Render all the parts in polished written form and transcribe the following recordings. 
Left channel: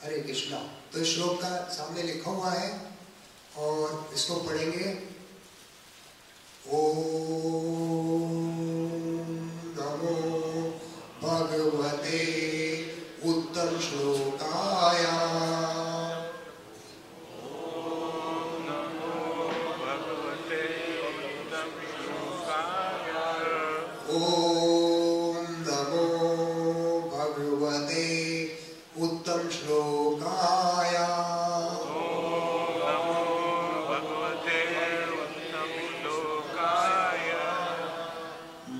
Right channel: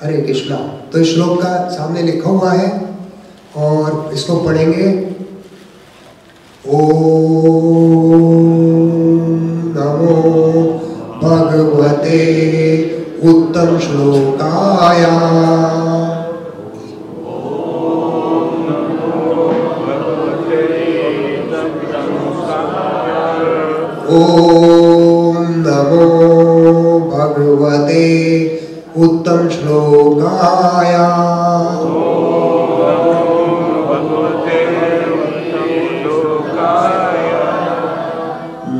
हरे कृष्णा। तो इस श्लोक का सामने लिखा हुआ है और इसको पढ़ेंगे। ओम नमो भगवते उत्तम श्लोकाय। ओम नमो भगवते उत्तम श्लोकाय।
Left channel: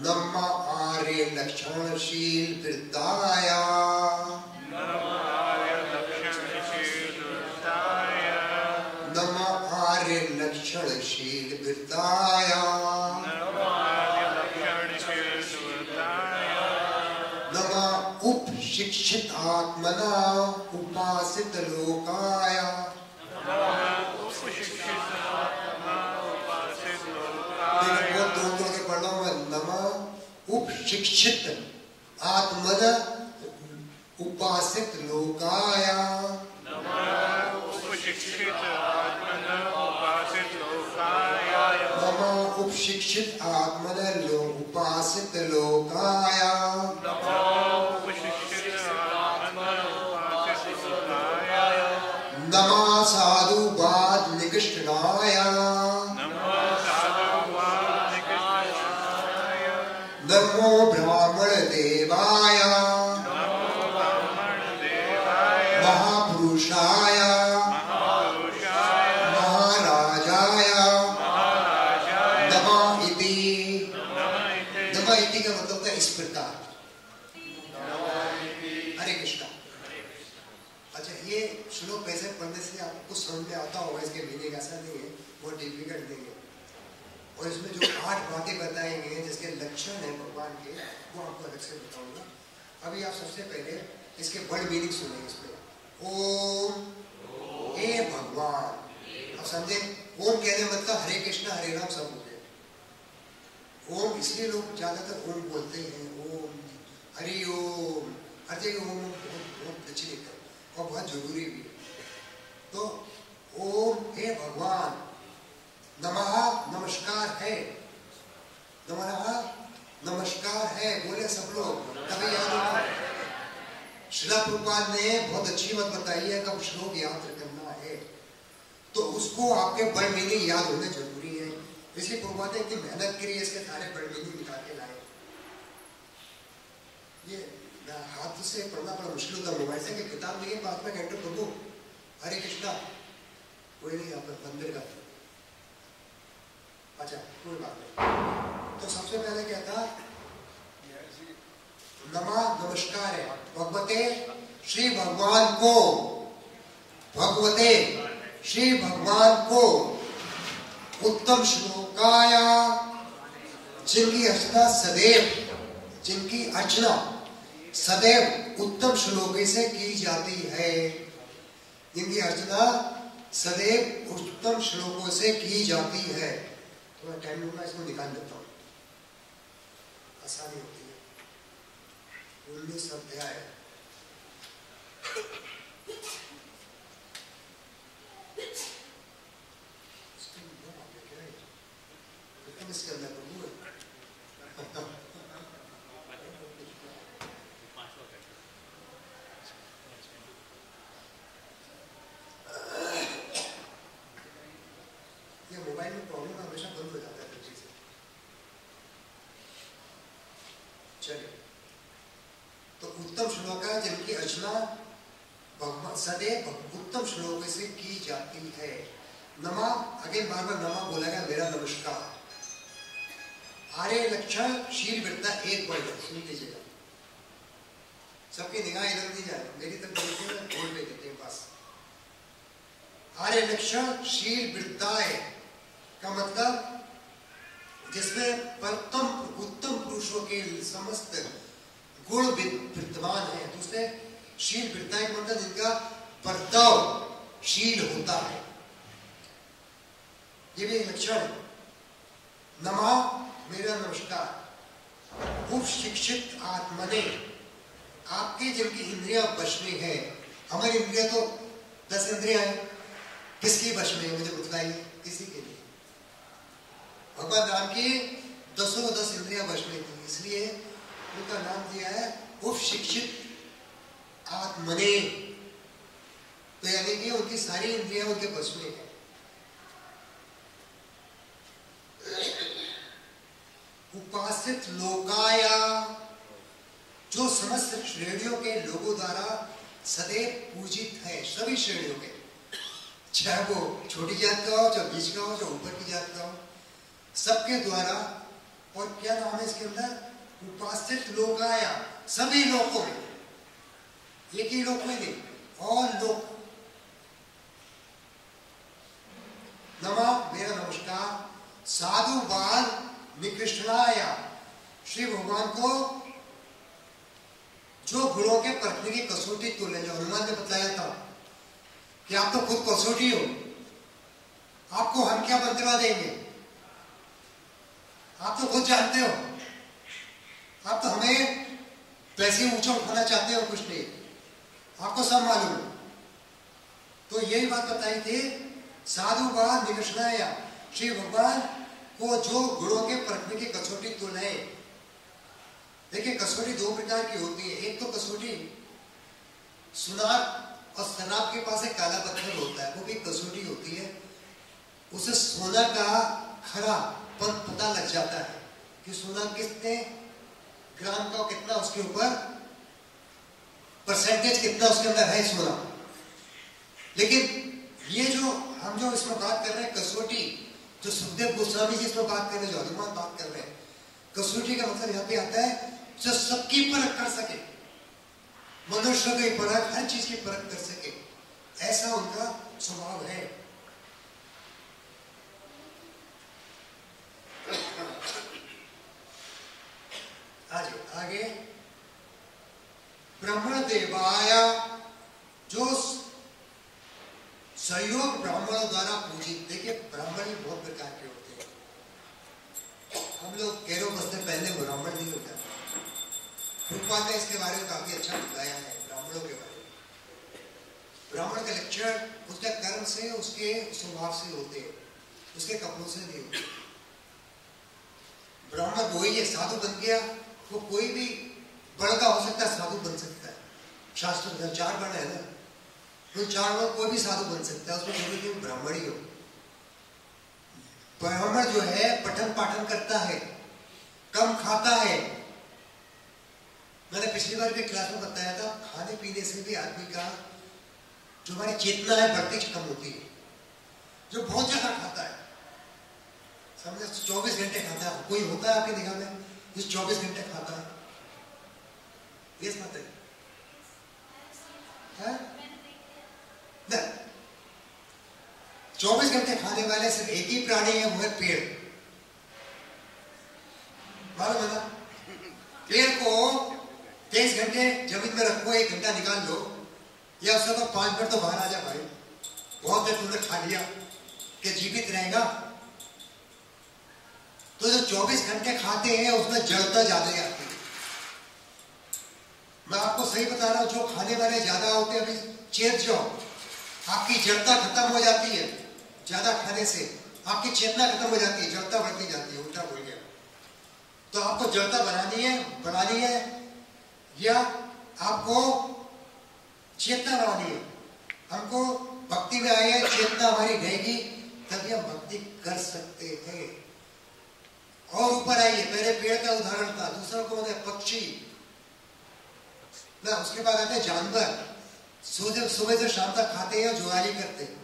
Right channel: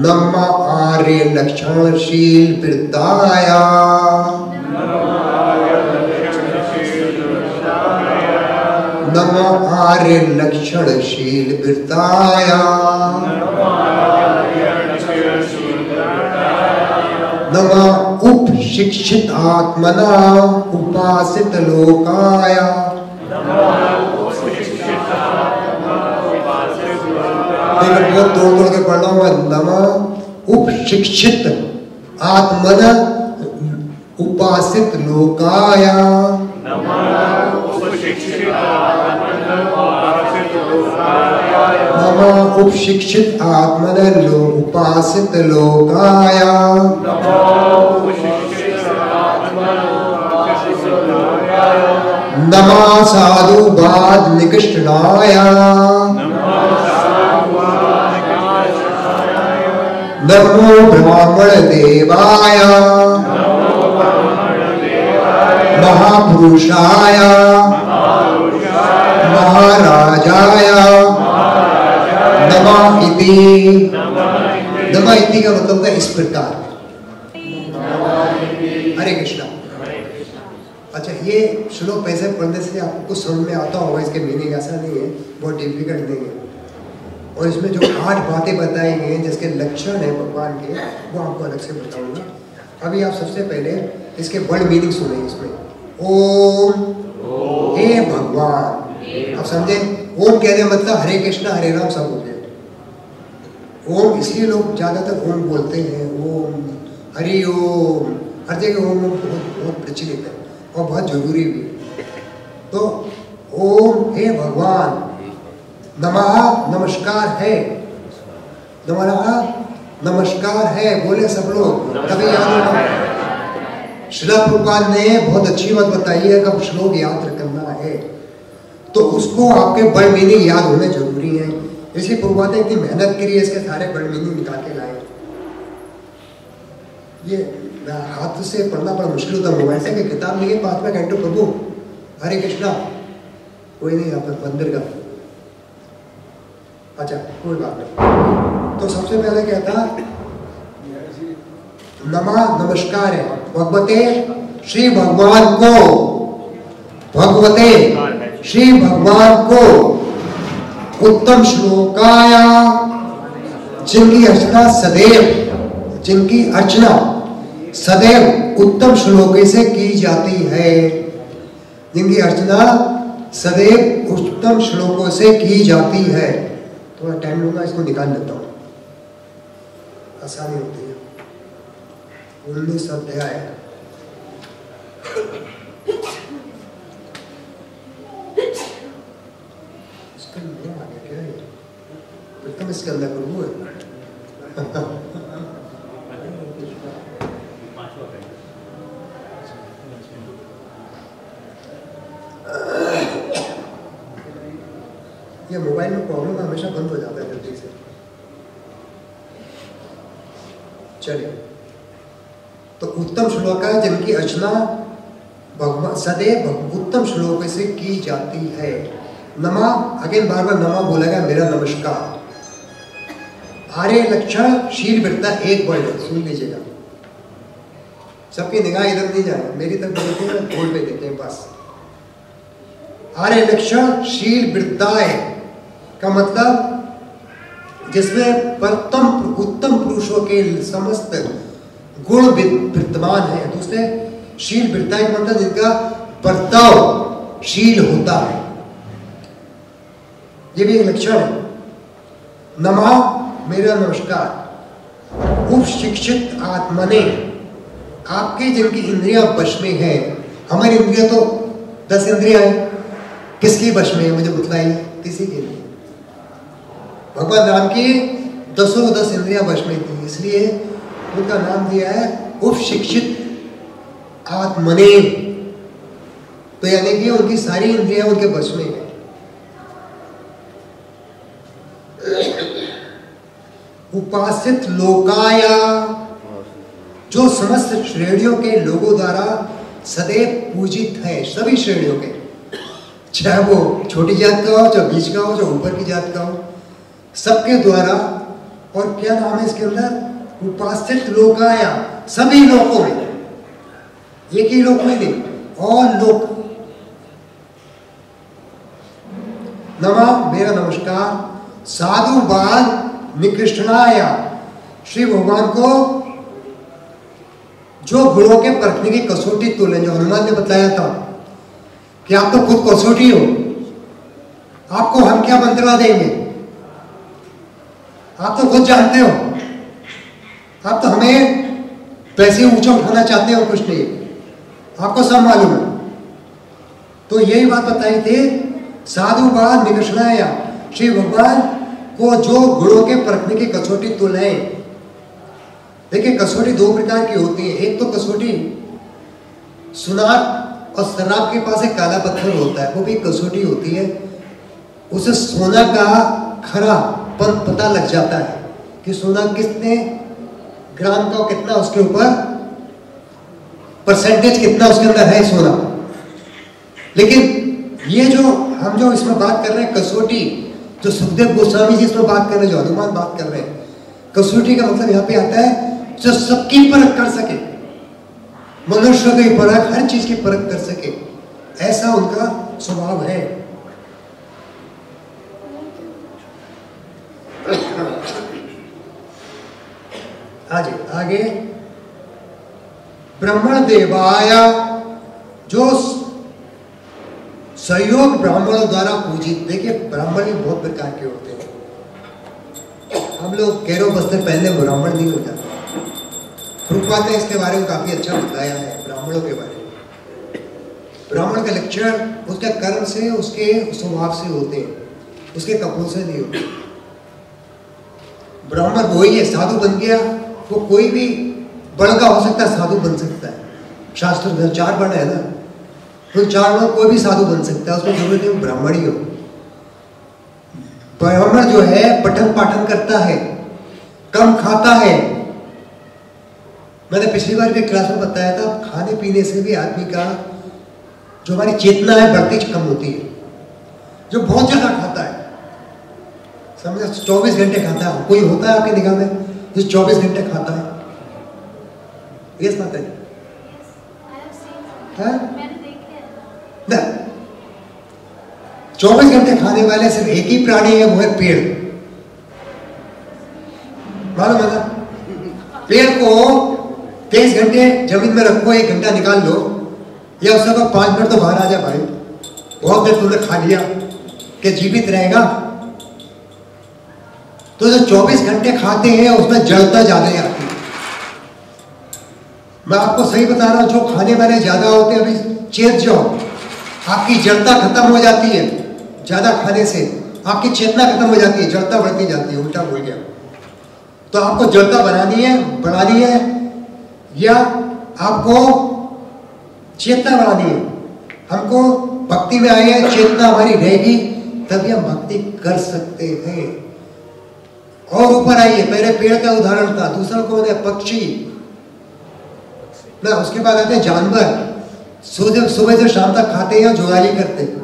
नमः आर्य लक्षणशील वृत्ताय। नमः आर्य लक्षणशील वृत्ताय। नमः उपशिक्षित आत्मना उपासित लोकाय। बहुत तोड़ के पढ़ रहा हूँ। नमः उपशिक्षित आत्मना उपासित लोकाय। नमः उपशिक्षित आत्मना उपासित लोकाय। नमः साधुवाद निकृष्टाय। नमो ब्राह्मण देवाय। महापुरुषाय महाराजाय नमः इति। नमः इति का मतलब है इस प्रकार। हरे कृष्णा। अच्छा, ये श्लोक पैसे पढ़ने से आपको कुछ समझ में आता होगा। इसके मीनिंग ऐसा नहीं है, बहुत डिफिकल्ट नहीं है। और इसमें जो 8 बातें बताई गई हैं जिसके लक्षण है भगवान के, वो आपको अलग से बताऊंगा। अभी आप सबसे पहले इसके वर्ड मीनिंग सुनेंगे। इसमें ओम, हे भगवान, आप समझे। ओम कहने मतलब हरे कृष्णा हरे राम सब हो गए। ओम इसलिए लोग ज्यादातर ओम बोलते हैं। ओम, हरि ओम, हर जगह ओम बहुत प्रचलित है और बहुत जरूरी भी। तो ओम, हे भगवान। नमः नमस्कार है। नमः नमस्कार है बोले सब लोग, तभी याद होगा। श्रील प्रभुपाद ने बहुत अच्छी बात बताई है। कब श्लोक याद करना है तो उसको आपके वर्ड मीनिंग याद होने जरूरी है। इसलिए प्रभुपाद ने इतनी मेहनत करी है, इसके सारे वर्ड मीनिंग निकाल के लाए। ये हाथ से पढ़ना बड़ा मुश्किल होता है। मोबाइल से किताब नहीं है, 5 में घंटे प्रभु हरे कृष्णा कोई नहीं यहाँ पर मंदिर का। अच्छा, कोई बात नहीं। तो सबसे पहले क्या था, नमः नमस्कार है भगवते श्री भगवान को। भगवते श्री भगवान को उत्तम श्लोकाय, जिनकी अर्चना सदैव, जिनकी अर्चना सदैव उत्तम श्लोक से की जाती है। जिनकी अर्चना सदैव उत्तम श्लोकों से की जाती है। थोड़ा टाइम लूंगा, इसको निकाल लेता हूँ, आसानी होती है। 19 अध्याय। इसका नाम आ गया क्या है? प्रथम इसके अंदर प्रभु है। ये मोबाइल में प्रॉब्लम हमेशा बंद हो जाता है जल्दी से। चलिए, तो उत्तम श्लोक है जिनकी अर्चना भगवान सदैव उत्तम श्लोक से की जाती है। नमः, अगेन बार बार नमः बोला गया, मेरा नमस्कार। आर्य लक्षण शील वृत्ता एक वर्ड है, सुन लीजिएगा। सबकी निगाह इधर नहीं जाए, मेरी तरफ देखते हैं, बोर्ड पे देते हैं बस। आर्य लक्षण शील वृत्ताय का मतलब जिसमें उत्तम पुरुषों के समस्त गुण विद्यमान है। दूसरे शील वृत्ताय का मतलब जिनका बर्ताव शील होता है, ये भी एक लक्षण है। नमः, मेरा नमस्कार। उपशिक्षित आत्मने, आपके जिनकी इंद्रियां वश में है, हमारी इंद्रिया तो 10 इंद्रियां हैं, किसकी वश में है मुझे बतलाइए? किसी की नहीं। भगवान राम की 10 इंद्रियां वश में थी, इसलिए उनका नाम दिया है उपशिक्षित आत्मने। तो यानी कि उनकी सारी इंद्रियां उनके वश में है। उपासित लोकाया, जो समस्त श्रेणियों के लोगों द्वारा सदैव पूजित है, सभी श्रेणियों के, चाहे वो छोटी जात का हो, चाहे बीच का हो, चाहे ऊपर की जात का हो, सबके द्वारा। और क्या नाम है इसके अंदर? उपासित लोकाया, सभी लोकों में, एक ही लोक में नहीं, और लोक। नमः, मेरा नमस्कार। साधुवाद निकृष्णाया, श्री भगवान को जो गुणों के परखने की कसौटी तोलें, जो हनुमान ने बताया था कि आप तो खुद कसौटी हो, आपको हम क्या मंत्रणा देंगे? आप तो खुद जानते हो, आप तो हमें पैसे ऊंचा उठाना चाहते हो, कुछ नहीं, आपको सब मालूम है। तो यही बात बताई थी, साधुवाद निकृष्णाया, श्री भगवान को जो गुणों के परखने की कसौटी तोलें। देखिए, कसौटी 2 प्रकार की होती है। एक तो कसौटी सुनार और शराब के पास एक काला पत्थर होता है, वो भी कसौटी होती है। उसे सोना का खरा पता लग जाता है कि सोना कितने ग्राम का, कितना उसके ऊपर परसेंटेज, कितना उसके अंदर है सोना। लेकिन ये जो हम जो इसमें बात कर रहे हैं कसौटी, जो सुखदेव गोस्वामी जी इसमें बात कर रहे हैं, जो हनुमान बात कर रहे हैं, कसौटी का मतलब यहाँ पे आता है जो सबकी परख कर सके, मनुष्य की परख, हर चीज की परख कर सके, ऐसा उनका स्वभाव है। आगे ब्राह्मण देवाया, जो सहयोग ब्राह्मणों द्वारा पूजित। देखिए, ब्राह्मण भी बहुत प्रकार के होते हैं। हम लोग कैरो वस्त्र पहनने ब्राह्मण नहीं होता। प्रभुपाद ने इसके बारे में काफी अच्छा बताया है, ब्राह्मणों के बारे में। ब्राह्मण का लक्षण उसके कर्म से, उसके स्वभाव से होते हैं, उसके कपड़ों से नहीं होते। ब्राह्मण वही है, साधु बन गया, वो कोई भी वर्ण का हो सकता है, साधु बन सकता है। शास्त्र में 4 वर्ण है ना, तो 4 वर्ण कोई भी साधु बन सकता है, उसमें जरूरत है ब्राह्मण ही हो। ब्राह्मण जो है पठन पाठन करता है, कम खाता है। मैंने पिछली बार भी क्लास में बताया था, खाने पीने से भी आदमी का जो हमारी चेतना है बढ़ती कम होती है। जो बहुत ज्यादा खाता है, समझे 24 घंटे खाता है, कोई होता है आपकी निगाह में जो 24 घंटे खाता है? यस बात है, ना? 24 घंटे खाने वाले सिर्फ एक ही प्राणी है, वो है पेड़। मालूम है ना? पेड़ को 23 घंटे जमीन में रखो, 1 घंटा निकाल लो, या उससे तो 5 मिनट तो बाहर आ जा भाई, बहुत देर तुमने खा लिया, कि जीवित रहेगा? तो जो 24 घंटे खाते हैं उसमें जड़ता ज्यादा आती है। मैं आपको सही बता रहा हूं, जो खाने वाले ज्यादा होते हैं, अभी चेत जाओ, आपकी जड़ता खत्म हो जाती है। ज्यादा खाने से आपकी चेतना खत्म हो जाती है, जड़ता बढ़ती जाती है। उल्टा बोल गया। तो आपको जड़ता बनानी है, बढ़ानी है, या आपको चेतना बढ़ानी है? हमको भक्ति में आए हैं, चेतना हमारी रहेगी तभी हम भक्ति कर सकते हैं। और ऊपर आइए, पहले पेड़ का उदाहरण था, दूसरा कौन है? पक्षी ना। उसके बाद आते हैं जानवर, सुबह से शाम तक खाते हैं, जुगाली करते हैं।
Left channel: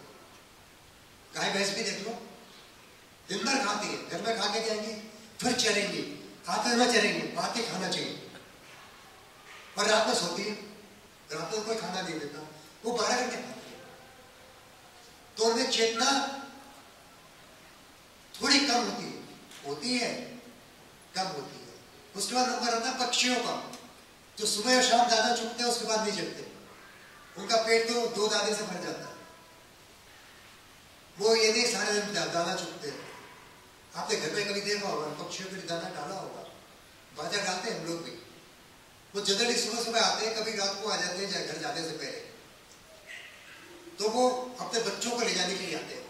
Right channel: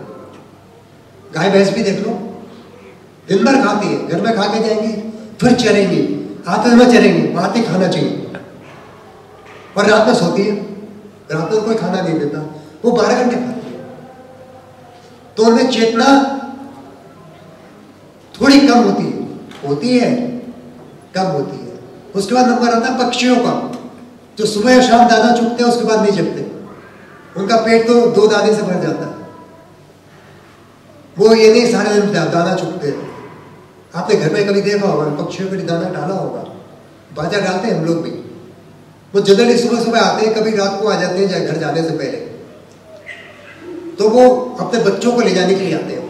गाय भैंस भी देख लो, दिन भर खाती है, घर में खा के जाएंगी, फिर चरेंगी, आते समय चरेंगी, आते खाना चाहिए, और रात में सोती है। रात में कोई खाना नहीं देता, वो 12 घंटे खाती है। तो उनमें चेतना थोड़ी कम होती है, कम होती है। उसके बाद नंबर आता है पक्षियों का, जो सुबह और शाम दाना चुगते हैं, उसके बाद नहीं जगते। उनका पेट तो 2 दाने से भर जाता है, वो ये नहीं सारे दिन दाना चुगते हैं। आपने घर में कभी देखा होगा, पक्षियों के लिए दाना डाला होगा, बाजा डालते हैं हम लोग भी। वो जनरली सुबह सुबह आते हैं, कभी रात को आ जाते हैं घर जाने से पहले, तो वो अपने बच्चों को ले जाने के लिए आते हैं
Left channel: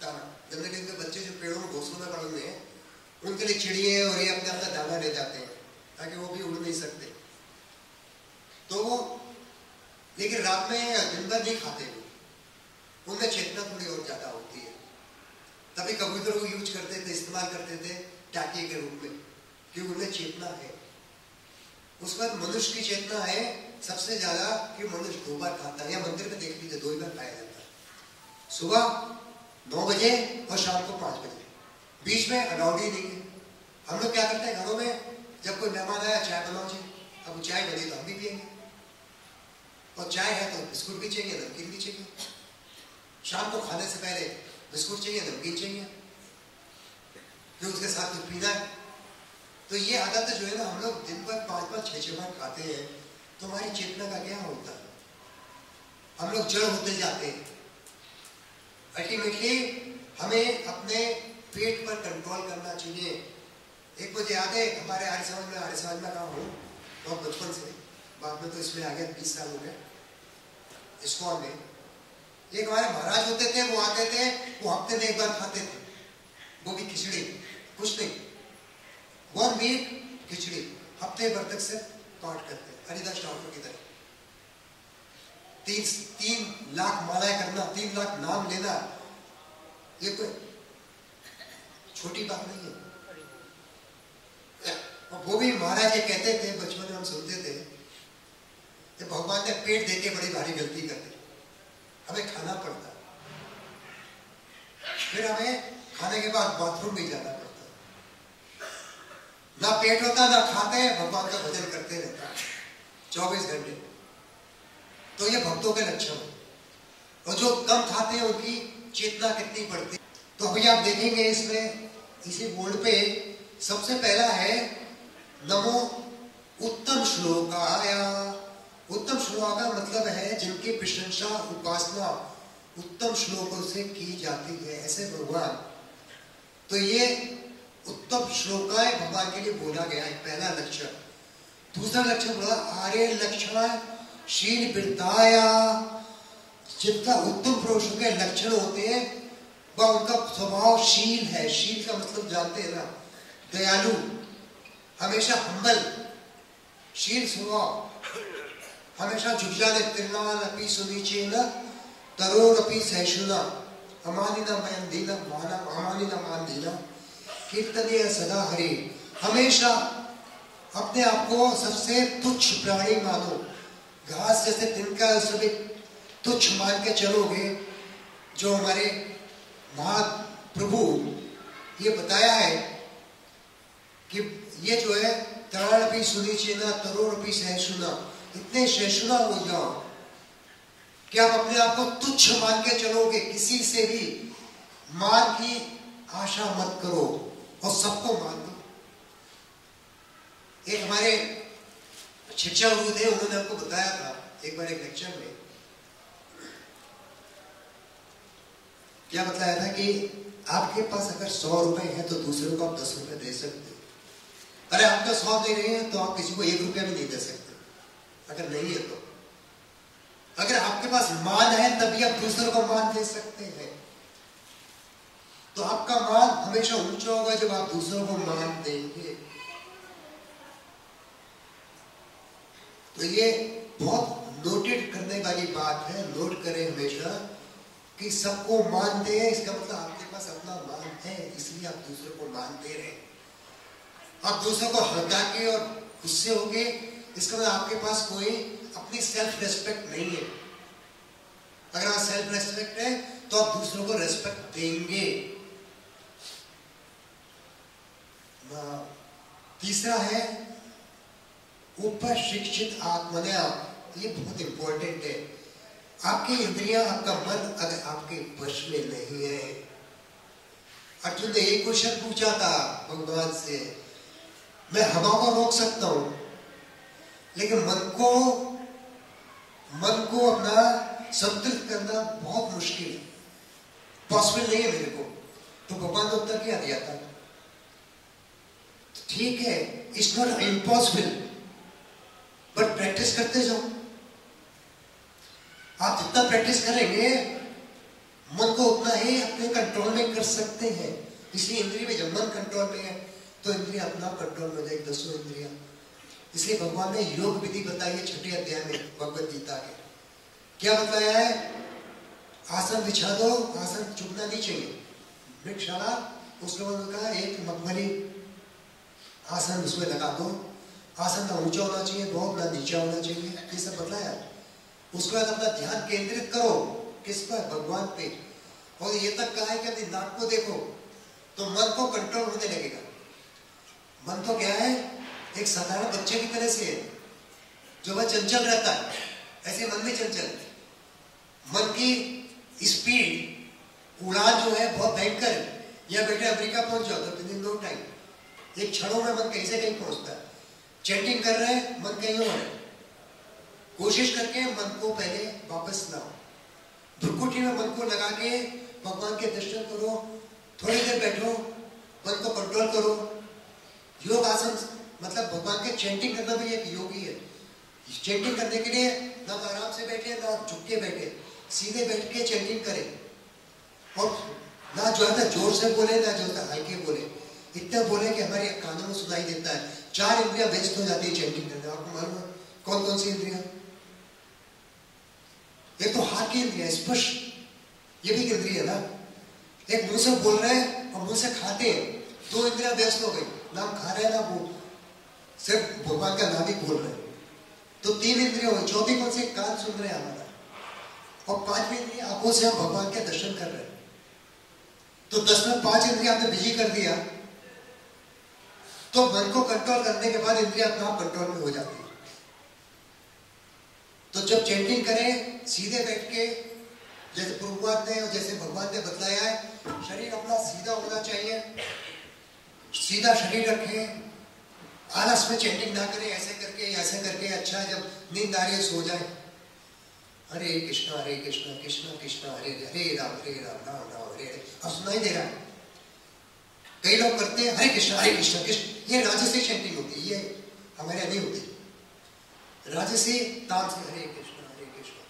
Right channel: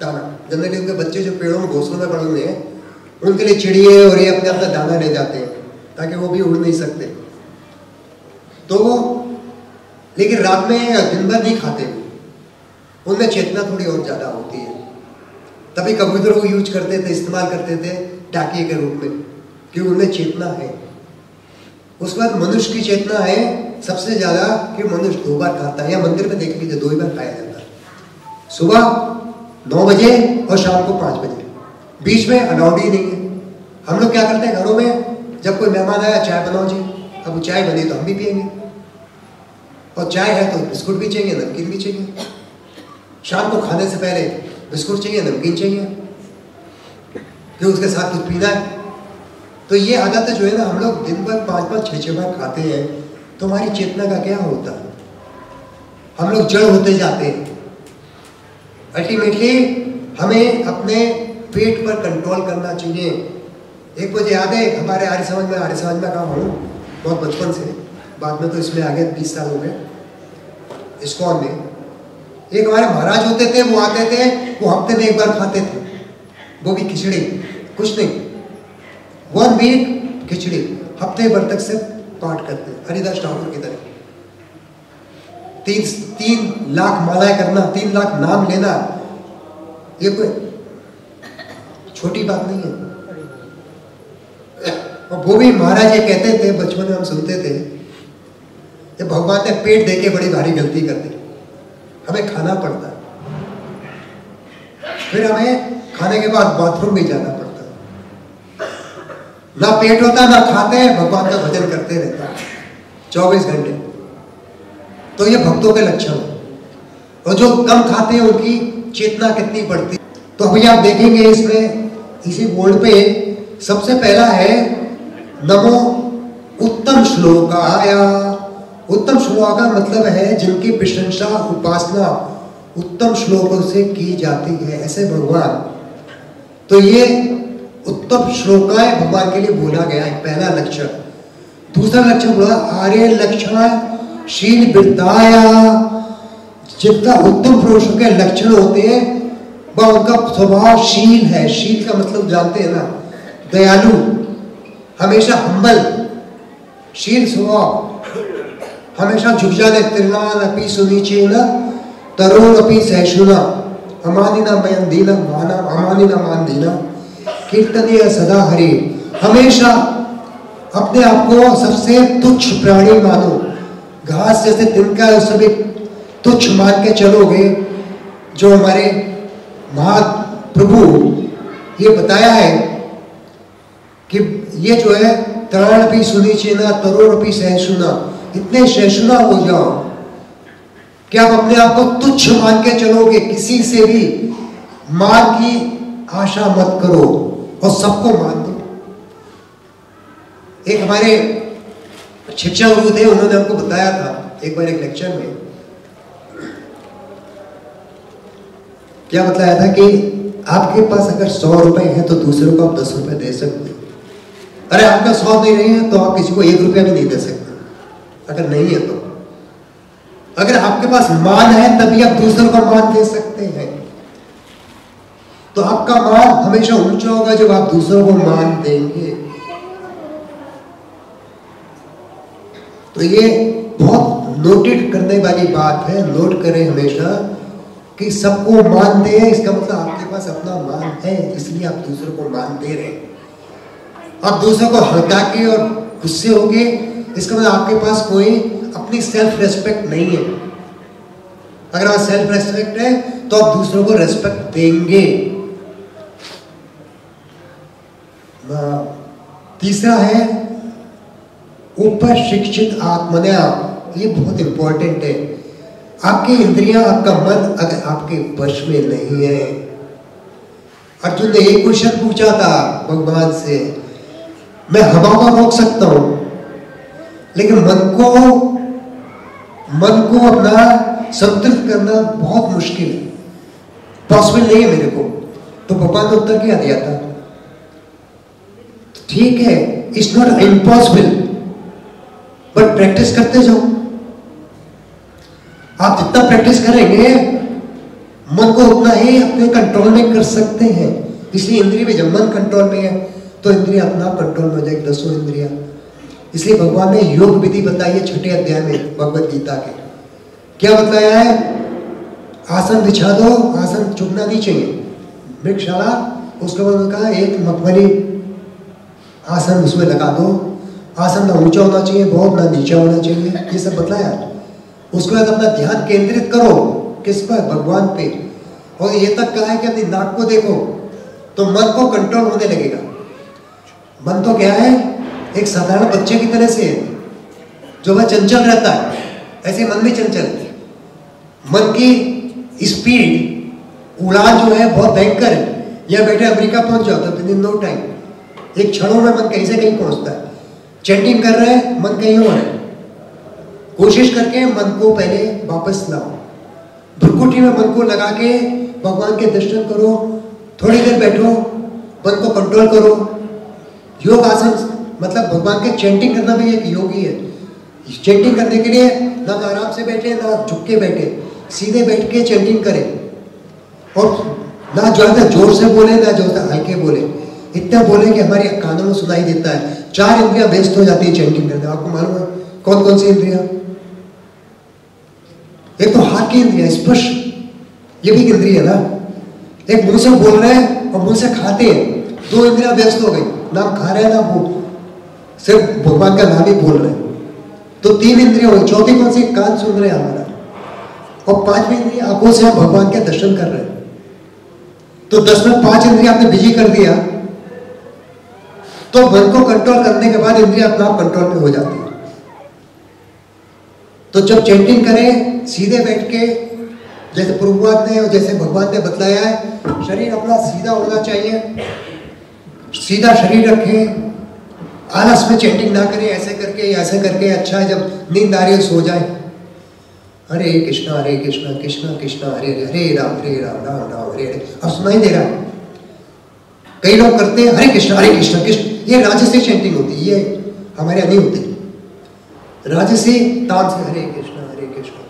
दाना। जनरली उनके बच्चे जो पेड़ों में घोंसलों में पड़े हुए हैं, उनके लिए चिड़िए और ये अपने अपना दाना ले जाते हैं ताकि वो भी उड़ नहीं सकते। तो वो लेकिन रात में दिन भर नहीं खाते, उनमें चेतना थोड़ी और ज्यादा होती है। तभी कबूतरों को यूज करते थे, इस्तेमाल करते थे डाकिए के रूप में, क्योंकि उनमें चेतना है। उसके बाद मनुष्य की चेतना है सबसे ज्यादा कि मनुष्य 2 बार खाता है, या मंदिर में देख लीजिए 2 ही बार खाया जाता है, सुबह 9 बजे और शाम को 5 बजे। बीच में अलाउड ही नहीं है। हम लोग क्या करते हैं घरों में, जब कोई मेहमान आया चाय बनाओ जी, अब वो चाय बनी तो हम भी पियेंगे, और चाय है तो बिस्कुट भी चाहिए, नमकीन भी चाहिए। शाम को खाने से पहले बिस्कुट चाहिए, नमकीन चाहिए, क्यों उसके साथ कुछ पीना है। तो ये आदत जो है ना, हम लोग दिन भर 5-5, 6-6 बार खाते हैं, तो हमारी चेतना का क्या होता है? हम लोग जड़ होते जाते हैं। अल्टीमेटली हमें अपने पेट पर कंट्रोल करना चाहिए। एक मुझे याद है, हमारे आर्य समाज में कहा हूँ बहुत बचपन से, बाद में तो इसमें आ गए 20 साल हो गए इस्कॉन में। एक हमारे महाराज होते थे, वो आते थे, वो हफ्ते में 1 बार खाते थे, वो भी खिचड़ी, कुछ नहीं, 1 वीक खिचड़ी, हफ्ते भर तक से पाठ करते, हरिदास ठाकुर की तरह। 3 लाख मालाएं करना, 3 लाख नाम लेना, ये कोई छोटी बात नहीं है। और वो भी महाराज ये कहते थे, बचपन में हम सुनते थे, ये भगवान ने पेट देके बड़ी भारी गलती कर दी, हमें खाना पड़ता, फिर हमें खाने के बाद बाथरूम भी जाना पड़ता, ना पेट होता ना खाते, भगवान का भजन करते रहता 24 घंटे। तो ये भक्तों के लक्षण है। और जो कम खाते हैं उनकी चेतना कितनी बढ़ती। तो अभी आप देखेंगे इसमें, इसी बोर्ड पे सबसे पहला है नमो उत्तम श्लोकाय। उत्तम श्लोक का मतलब है जिनकी प्रशंसा, उपासना उत्तम श्लोकों से की जाती है, ऐसे भगवान। तो ये उत्तम श्लोकाय भगवान के लिए बोला गया है, पहला लक्षण। दूसरा लक्षण बोला आर्य लक्षण शील वृद्धाया। जितना उत्तम पुरुषों के लक्षण होते हैं वह उनका स्वभाव शील है। शील का मतलब जानते हैं ना, दयालु, हमेशा हम्बल, शील स्वभाव, हमेशा झुक जाने, तिरनान अपि सुनीचेन तरोन अपि सहिष्णुना अमानिना मयंदीना माना अमानिना मानदीना कीर्तनीय सदा हरि। हमेशा अपने आप को सबसे तुच्छ प्राणी मानो, घास जैसे तिनका है उसे भी तुच्छ मान के चलोगे। जो हमारे महाप्रभु ये बताया है कि ये जो है तरण भी सुनी चेना तरोड़ भी सहिष्णुना, इतने सहिष्णुना हो जाओ कि आप अपने आप को तुच्छ मान के चलोगे, किसी से भी मान की आशा मत करो और सबको मान दो। एक हमारे शिक्षा गुरु थे, उन्होंने हमको बताया था एक बार एक लेक्चर में, क्या बताया था कि आपके पास अगर 100 रुपए है तो दूसरों को आप 10 रुपए दे सकते हो। अरे आपका 100 नहीं है तो आप किसी को 1 रुपया भी नहीं दे सकते, अगर नहीं है तो। अगर आपके पास मान है तभी आप दूसरों को मान दे सकते हैं। तो आपका मान हमेशा ऊंचा होगा जब आप दूसरों को मान देंगे। तो ये बहुत नोटेड करने वाली बात है, नोट करें हमेशा कि सबको मान दे, इसका मतलब आपके पास अपना मान है, इसलिए आप दूसरों को मान दे रहे हैं। आप दूसरों को हल्का के और गुस्से होके, इसका मतलब आपके पास कोई अपनी सेल्फ रेस्पेक्ट नहीं है। अगर आप सेल्फ रेस्पेक्ट है तो आप दूसरों को रेस्पेक्ट देंगे। तीसरा है ऊपर शिक्षित आत्मन्या, ये बहुत इंपॉर्टेंट है। आपकी इंद्रियां, आपका मन अगर आपके वश में नहीं है। अर्जुन ने एक क्वेश्चन पूछा था भगवान से, मैं हवा को रोक सकता हूं लेकिन मन को अपना संतुलित करना बहुत मुश्किल है, पॉसिबल नहीं है मेरे को। तो भगवान ने उत्तर क्या दिया था, ठीक है, it's not impossible but practice करते जाओ। आप जितना प्रैक्टिस करेंगे मन को उतना ही अपने कंट्रोल में कर सकते हैं। इसलिए इंद्रिय में जब मन कंट्रोल में है तो इंद्रिय अपना कंट्रोल में हो जाएगी, 10 इंद्रिया। इसलिए भगवान ने योग विधि बताई है 6ठे अध्याय में भगवत गीता के। क्या बताया है? आसन बिछा दो, आसन झुकना नहीं चाहिए, मृगशाला, उसके बाद कहा एक मखमली आसन उसमें लगा दो, आसन ना ऊंचा होना चाहिए बहुत, ना नीचा होना चाहिए, ये सब बताया। उसके बाद अपना ध्यान केंद्रित करो किस पर? भगवान पे। और ये तक कहा है कि अपनी नाक को देखो तो मन को कंट्रोल होने लगेगा। मन तो क्या है? एक साधारण बच्चे की तरह से है जो वह चंचल रहता है, ऐसे मन भी चंचल है। मन की स्पीड, उड़ान जो है बहुत भयंकर है। यह बैठे अमेरिका पहुंच जाओ तो विद इन नो टाइम, एक क्षणों में मन कहीं से कहीं पहुंचता है। चैंटिंग कर रहे हैं, मन कहीं और है। कोशिश करके मन को पहले वापस लाओ, भ्रुकुटी में मन को लगा के भगवान के दर्शन करो, थोड़ी देर बैठो, मन को कंट्रोल करो। योग आसन मतलब भगवान के चैंटिंग करना भी एक योग ही है। चैंटिंग करने के लिए ना तो आराम से बैठे ना झुक के बैठे, सीधे बैठ के चैंटिंग करें। और ना ज्यादा जोर से बोले ना ज्यादा हल्के बोले, इतना बोले कि हमारे कानों में सुनाई देता है। 4 इंद्रियां व्यस्त हो जाती है चैंटिंग करने। आपको मालूम है कौन कौन सी इंद्रियां? एक तो हाथ की इंद्रिया, स्पर्श, ये भी इंद्रिय है ना। एक मुंह से बोल रहे हैं और मुंह से खाते हैं, 2 इंद्रियां व्यस्त हो गई, ना खा रहे हैं ना वो सिर्फ भगवान का नाम ही बोल रहे हैं, तो 3 इंद्रियां हुई। चौथी कौन सी? कान सुन रहे हैं हमारा। और 5वीं इंद्रिय आंखों से हम भगवान के दर्शन कर रहे हैं। तो 10 में 5 इंद्रिया आपने बिजी कर दिया तो मन को कंट्रोल करने के बाद इंद्रिया अपना कंट्रोल में हो जाती है। तो जब चैंटिंग करें सीधे बैठ के, जैसे प्रभुपाद ने और जैसे भगवान ने बतलाया है, शरीर अपना सीधा होना चाहिए, सीधा शरीर रखें, आलस में चैंटिंग ना करें, ऐसे करके। अच्छा है जब नींद आ रही है सो जाए, हरे कृष्णा कृष्णा कृष्णा हरे हरे, हरे राम राम राम हरे हरे। अब सुनाई दे रहा है। कई लोग करते हैं हरे कृष्णा कृष्ण, ये राजसी चैंटिंग होती है, ये हमारे यहाँ नहीं होती। राजसी ताम से हरे कृष्णा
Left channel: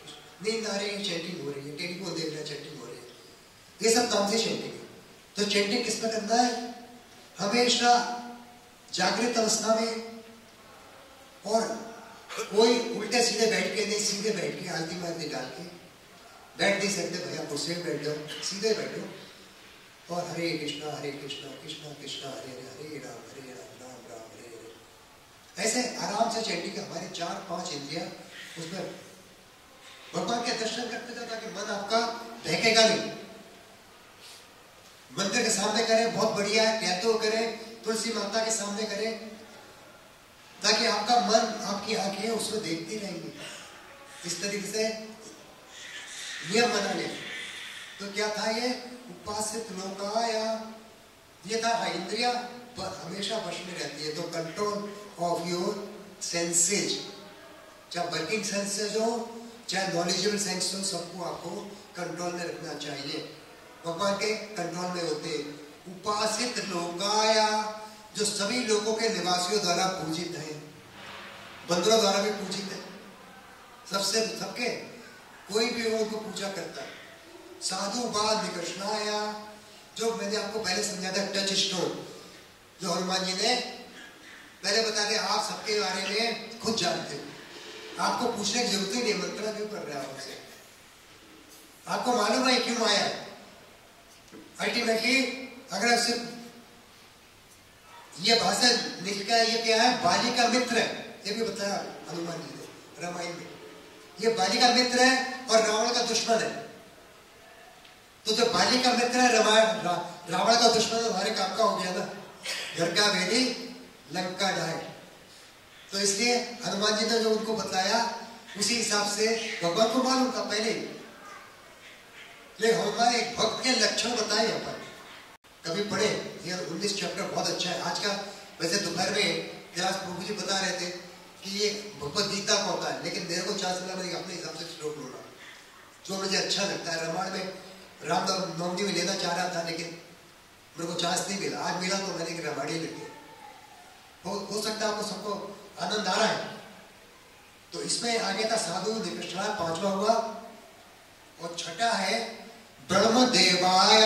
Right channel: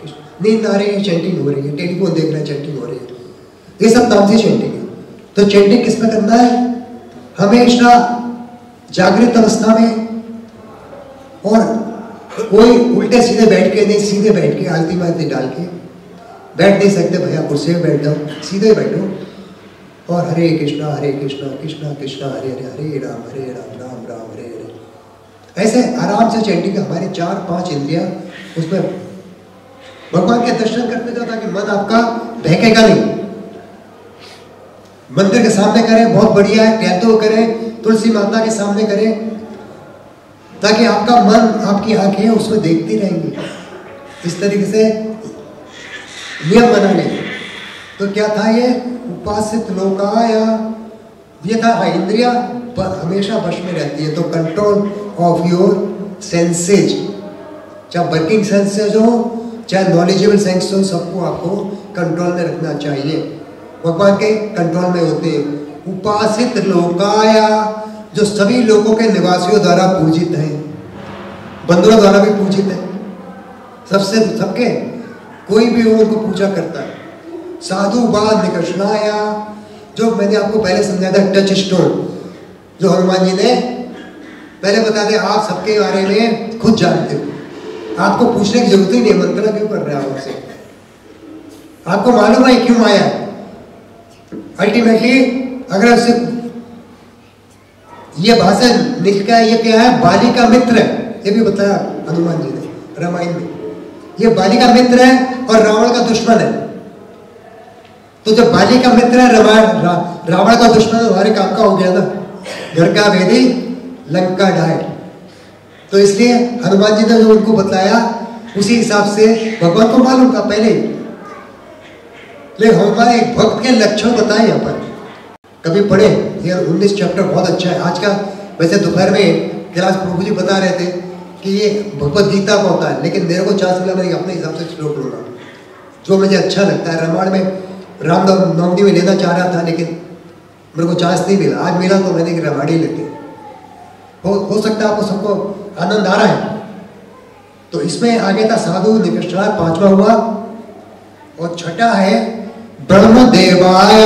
कृष्ण, नींद आ रही है चैंटिंग हो रही है, टेलीफोन देख रहे हैं चैंटिंग हो रही है, ये सब तामसी चैंटिंग है। तो चैंटिंग किस में करना है? हमेशा जागृत अवस्था में, और कोई उल्टे सीधे बैठ के नहीं, सीधे बैठ के आलती मालती डाल के बैठ नहीं सकते भैया, कुर्सी में बैठ जाओ, सीधे बैठो और हरे कृष्णा कृष्णा कृष्णा हरे हरे, हरे राम राम राम हरे हरे। ऐसे आराम से चैंटिंग। हमारे 4-5 इंद्रियां उसमें भगवान के दर्शन करते जाओ ताकि मन आपका बहकेगा नहीं। मंदिर के सामने करें बहुत बढ़िया है, टहलते हुए करें, तुलसी माता के सामने करें, ताकि आपका मन, आपकी आंखें उसमें देखती रहेंगी। इस तरीके से नियम बना लें। तो क्या था ये? उपासित लोकाया, ये था। हाँ, इंद्रिया हमेशा वश में रहती है। तो कंट्रोल ऑफ योर सेंसेज, चाहे वर्किंग सेंसेज हो चाहे नॉलेजेबल सेंस हो, सबको आपको कंट्रोल में रखना चाहिए। भगवान के कंट्रोल में होते हैं। उपासित लोकाया, जो सभी लोगों के निवासियों द्वारा पूजित हैं, बंदरों द्वारा भी पूजित है, सबसे सबके कोई भी हो उनको पूजा करता है। साधु बाद निकषणाया, जो मैंने आपको पहले समझाया था, टच स्टोन, जो हनुमान जी ने पहले बता दिया। आप सबके बारे में खुद जानते हो, आपको पूछने की जरूरत ही नहीं, मंत्रणा क्यों कर रहे हैं आपसे? आपको मालूम है क्यों आया है। अल्टीमेटली अगर उससे ये भाषण निकला है, ये क्या है? बाली का मित्र है, ये भी बताया हनुमान जी ने रामायण में। ये बाली का मित्र है और रावण का दुश्मन है। तो जब बाली का मित्र है, रावण का दुश्मन है, हमारे काम का हो गया ना, घर का भेदी लंका ढाए। तो इसलिए हनुमान जी ने जो उनको बताया उसी हिसाब से भगवान को मालूम था पहले। लेकिन हमारे एक भक्त के लक्षण बताए यहाँ पर, कभी पढ़े, ये 19 चैप्टर बहुत अच्छा है। आज का वैसे दोपहर में क्लास प्रभु जी बता रहे थे कि ये भगवत गीता का होता है, लेकिन मेरे को चांस मिला, मैं अपने हिसाब से श्लोक लूंगा जो मुझे अच्छा लगता है। रामायण में रामनवमी में लेना चाह रहा था, लेकिन मेरे को चांस नहीं मिला। आज मिला तो मैंने रामायण ही लेते। हो सकता है आपको सबको आनंद आ रहा है। तो इसमें आगे था साधु निकषणाय, 5वां हुआ और छठा है ब्रह्मदेवाय।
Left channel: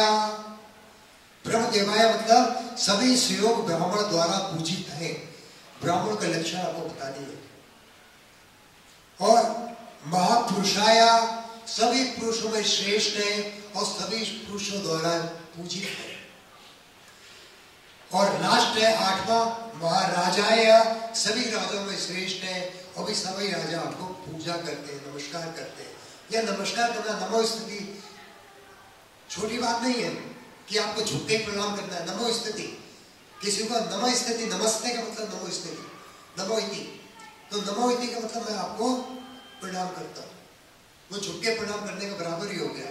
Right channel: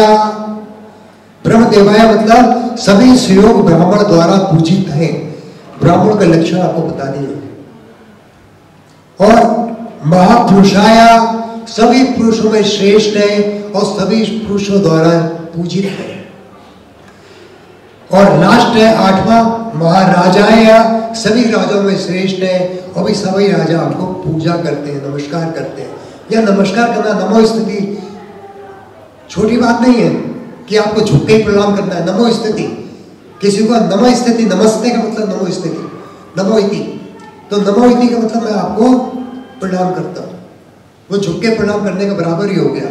ब्रह्मदेवाय मतलब सभी सुयोग ब्राह्मण द्वारा पूजित हैं। ब्राह्मण का लक्षण आपको बता दिए। और महापुरुषाय, सभी पुरुषों में श्रेष्ठ है और सभी पुरुषों द्वारा पूजित है। और लास्ट है आठवां महाराजाय, सभी राजाओं में श्रेष्ठ है और भी सभी राजा आपको पूजा करते हैं, नमस्कार करते हैं। यह नमस्कार करना, नमो स्तुति, छोटी बात नहीं है कि आपको झुक के प्रणाम करना है। नमो स्तुति, किसी को नमो स्तुति, नमस्ते का मतलब नमो स्तुति, नमो इति, तो नमो इति का मतलब मैं आपको प्रणाम करता हूं, वो झुक के प्रणाम करने का बराबर ही हो गया।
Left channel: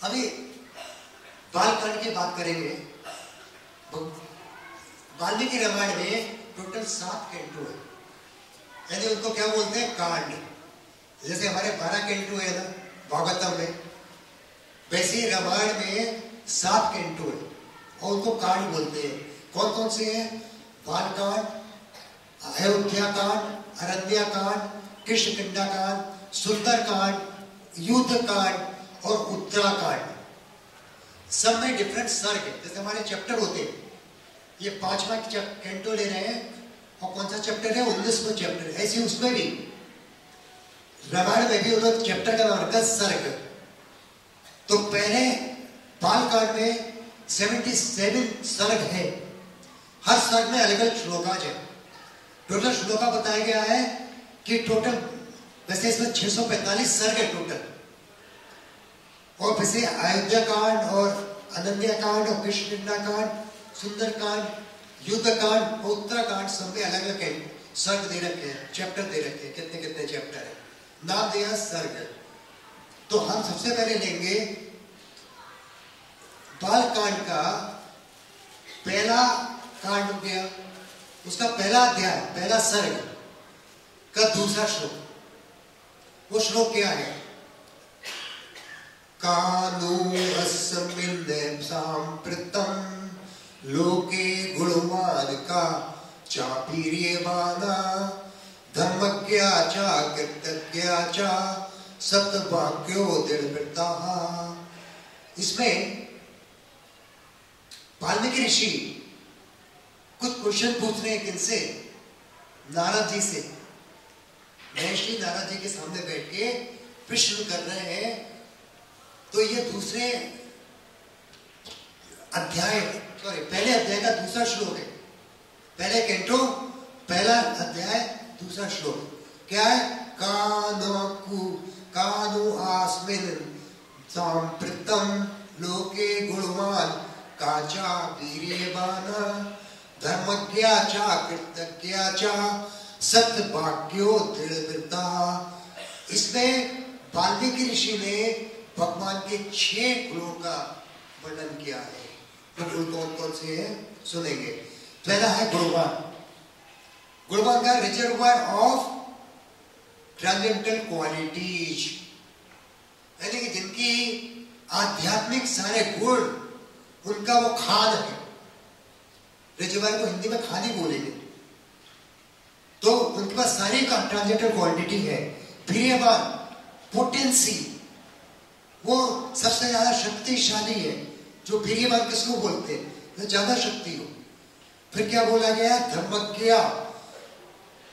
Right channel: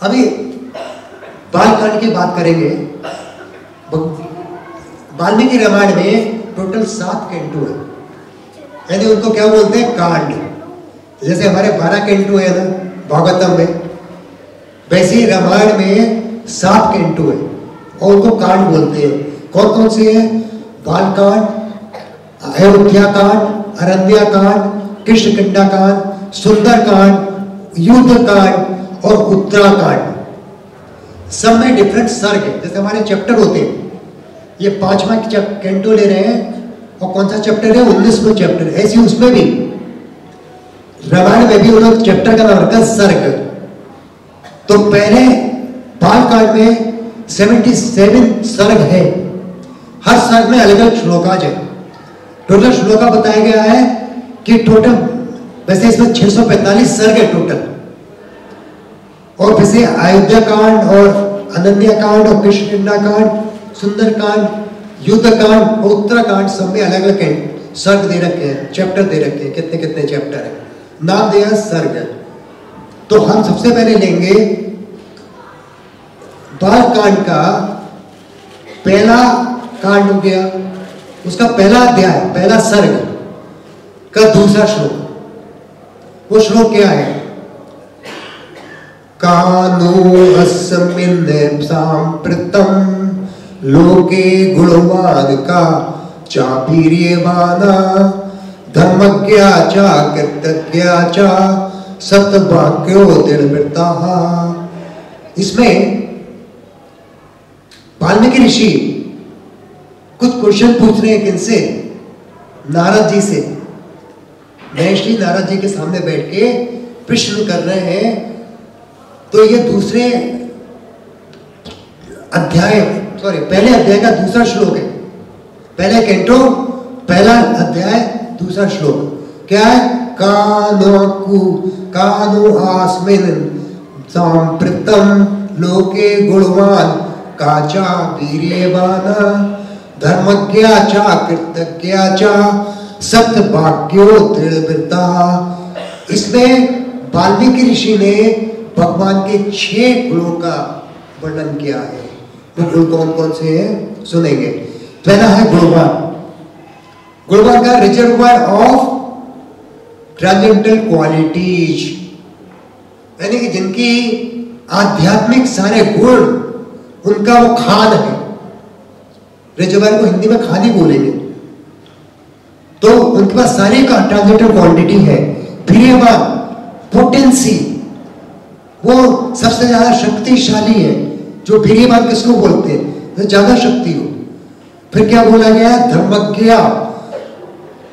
अभी बालकांड की बात करेंगे। वाल्मीकि रामायण में टोटल 7 कैंटो है, यानी उनको क्या बोलते हैं, कांड। जैसे हमारे 12 कैंटो है ना भागवतम में, वैसे ही रामायण में 7 कैंटो है और उनको कांड बोलते हैं। कौन कौन से हैं? बालकांड, अयोध्या कांड, अरण्या कांड, कृष्णकिंडा कांड, सुंदर कांड, युद्ध कांड और उत्तराकांड। सब में डिफरेंट सर्ग है। जैसे हमारे चैप्टर होते हैं, ये 5वां कैंटो ले रहे हैं और कौन सा चैप्टर है, 19वां चैप्टर। ऐसे उसमें भी रामायण में भी उन्होंने चैप्टर का नाम रखा सर्ग। तो पहले बालकांड में 77 सर्ग है, हर सर्ग में अलग अलग श्लोकाज है। टोटल श्लोका बताया गया है कि टोटल, वैसे इसमें 645 सर्ग है टोटल। और वैसे अयोध्या कांड और अनन्या कांड और कृष्णकिंडा कांड, सुंदर कांड, युद्ध कांड और उत्तराकांड, सब में अलग अलग सर्ग दे रखे हैं, चैप्टर दे रखे हैं, कितने कितने चैप्टर है, नाम दिया सर्ग। तो हम सबसे पहले लेंगे बालकांड का पहला कांड हो गया, उसका पहला अध्याय, पहला सर्ग का दूसरा श्लोक। वो श्लोक क्या है? कानो अस्मिन् सांप्रतम् लोके गुणवान का चापीर्यमाना धर्मज्ञा चा कृतज्ञा चा सत्यवाक्यो दृढ़व्रता। इसमें वाल्मीकि ऋषि कुछ क्वेश्चन पूछ रहे हैं। किनसे? नारद जी से। महर्षि नारद जी के सामने बैठ के प्रश्न कर रहे हैं। तो ये दूसरे अध्याय, पहले अध्याय का दूसरा श्लोक है। पहले कैंटो पहला अध्याय दूसरा श्लोक क्या है? कानो आस्मिन् सांप्रतम् लोके गुणवान काचा वीर्यवाना धर्मज्ञा चा कृतज्ञा चा सत्यवाक्यो दृढ़व्रता। इसमें वाल्मीकि ऋषि ने भगवान के 6 गुणों का वर्णन किया है। वो गुण कौन कौन से हैं सुनेंगे। पहला है गुणवान। गुणवान का रिजर्वायर ऑफ ट्रांसेंडेंटल क्वालिटीज, यानी कि जिनकी आध्यात्मिक सारे गुण, उनका वो खान है। रिजर्वायर को हिंदी में खान ही बोलेंगे। तो उनके पास सारे का ट्रांसेंडेंटल क्वालिटी है। वीर्यवान, पोटेंसी, वो सबसे ज्यादा शक्तिशाली है। जो वीर्यवान किसको बोलते हैं? तो ज्यादा शक्ति हो। फिर क्या बोला गया? धर्मज्ञ,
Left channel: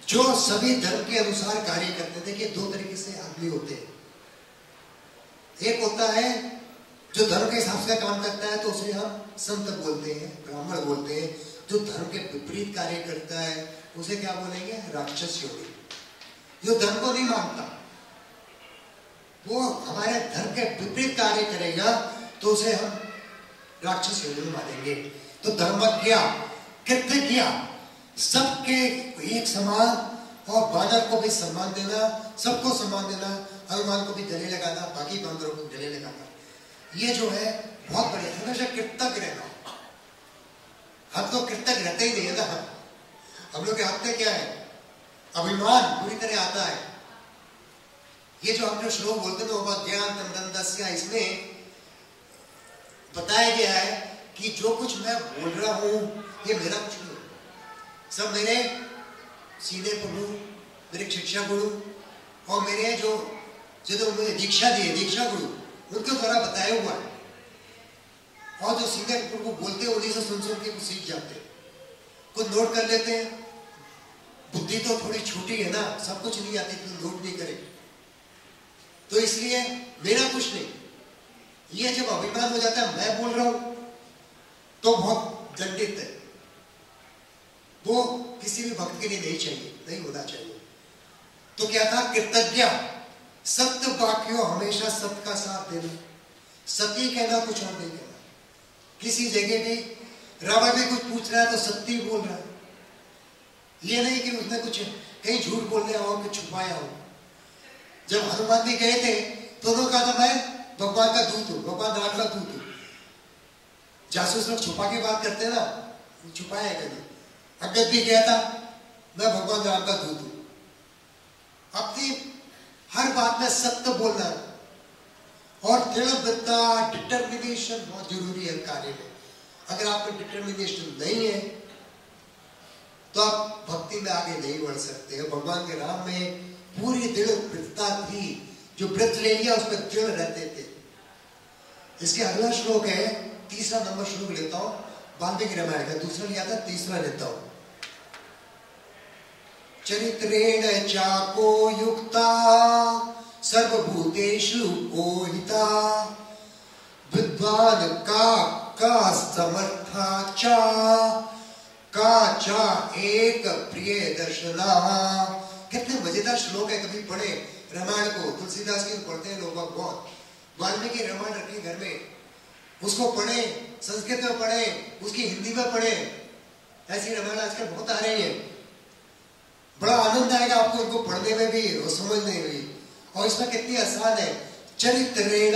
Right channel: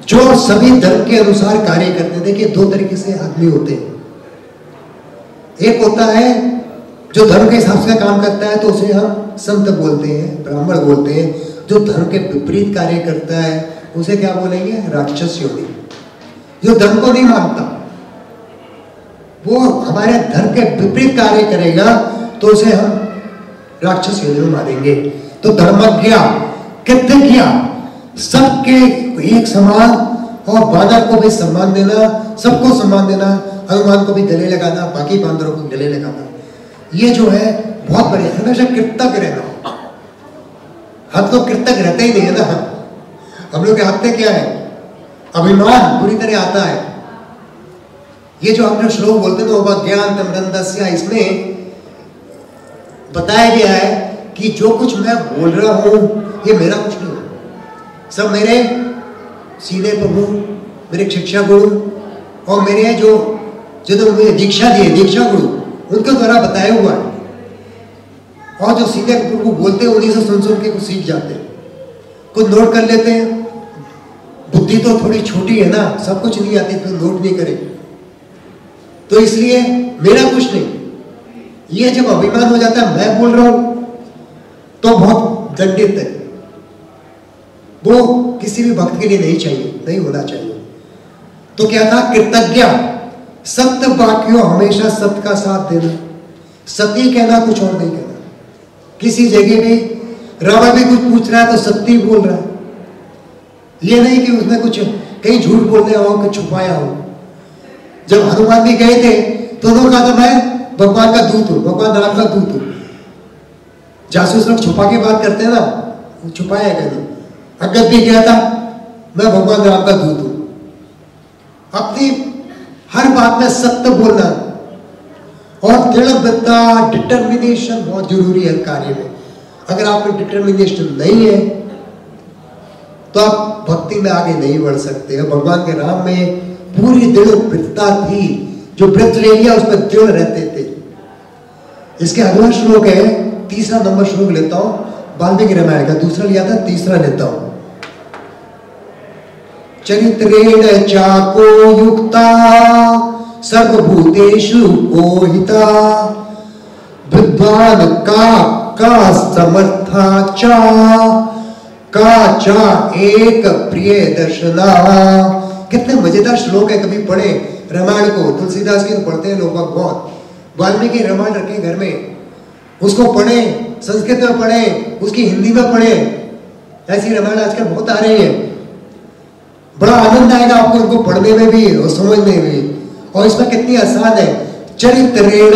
जो सभी धर्म के अनुसार कार्य करते हैं। देखिए 2 तरीके से आदमी होते हैं। एक होता है जो धर्म के हिसाब से काम करता है, तो उसे हम संत बोलते हैं, ब्राह्मण बोलते हैं। जो धर्म के विपरीत कार्य करता है उसे क्या बोलेंगे? राक्षस योनि। जो धर्म को नहीं मानता, वो हमारे धर्म के विपरीत कार्य करेगा, तो उसे हम राक्षस योनि में मानेंगे। तो धर्मज्ञ, कृतज्ञ, सबके एक समान, और बानर को भी सम्मान देना, सबको सम्मान देना, हनुमान को भी गले लगाना, बाकी बांदरों को गले लगाना। ये जो है बहुत बढ़िया। हमेशा कृतज्ञ रहना। हम तो कृतज्ञ रहते ही नहीं है ना। हम लोग के हाथ में क्या है? अभिमान पूरी तरह आता है। ये जो हम जो श्लोक बोलते हैं ना, ज्ञान तमरंदस्य, इसमें बताया गया है कि जो कुछ मैं बोल रहा हूं ये मेरा कुछ नहीं है, सब मेरे सीने पर हूं, मेरे शिक्षा गुरु और मेरे जो जिन्होंने मुझे दीक्षा दी है, दीक्षा गुरु, उनके द्वारा बताया हुआ है। और जो सीनियर गुरु बोलते हैं उन्हीं से सुन सुन के कुछ सीख जाते हैं, कुछ नोट कर लेते हैं। बुद्धि तो थोड़ी छोटी है ना, सब कुछ नहीं आती तो नोट नहीं करे। तो इसलिए मेरा कुछ नहीं, ये जब अभिमान हो जाता है मैं बोल रहा हूं तो बहुत दंडित है। वो किसी भी भक्त के लिए नहीं चाहिए, नहीं होना चाहिए। तो क्या था, कृतज्ञ सत्य वाक्यों, हमेशा सत्य का साथ देना, सत्य कहना, कुछ और नहीं कहना। किसी जगह भी रावण भी कुछ पूछ रहा है तो सत्य बोल रहा है, ये नहीं कि उसने कुछ कहीं झूठ बोलने हो कि छुपाया हो। जब हनुमान भी गए थे तो उन्होंने कहा था मैं भगवान का दूत हूं, भगवान राम का दूत हूं। जासूस लोग छुपा के बात करते हैं ना, छुपाया कहीं। अंगद भी गया था मैं भगवान राम का दूत हूं। अपनी हर बात में सत्य बोलना और दृढ़ता, डिटर्मिनेशन बहुत जरूरी है कार्य में। अगर आप में डिटर्मिनेशन नहीं है तो आप भक्ति में आगे नहीं बढ़ सकते हैं। भगवान के राम में पूरी दृढ़ता थी, जो व्रत ले लिया उसमें दृढ़ रहते थे। इसके अगला श्लोक है, तीसरा नंबर श्लोक लेता हूं, वाल्मीकि रामायण का। दूसरा लिया था, तीसरा लेता हूं। चरित्रेण चाको युक्ता सर्वभूतेषु मोहिता विद्वान का समर्था चा एक प्रिय दर्शना। कितने मजेदार श्लोक है, कभी पढ़े रामायण को। तुलसीदास की तो पढ़ते हैं लोग बहुत। वाल्मीकि रामायण रखे घर में, उसको पढ़े, संस्कृत में पढ़े, उसकी हिंदी में पढ़े। ऐसी रामायण आजकल बहुत आ रही है, बड़ा आनंद आएगा आपको इनको पढ़ने में भी और समझने में भी। और इसमें कितनी आसान है, चरित्रेण,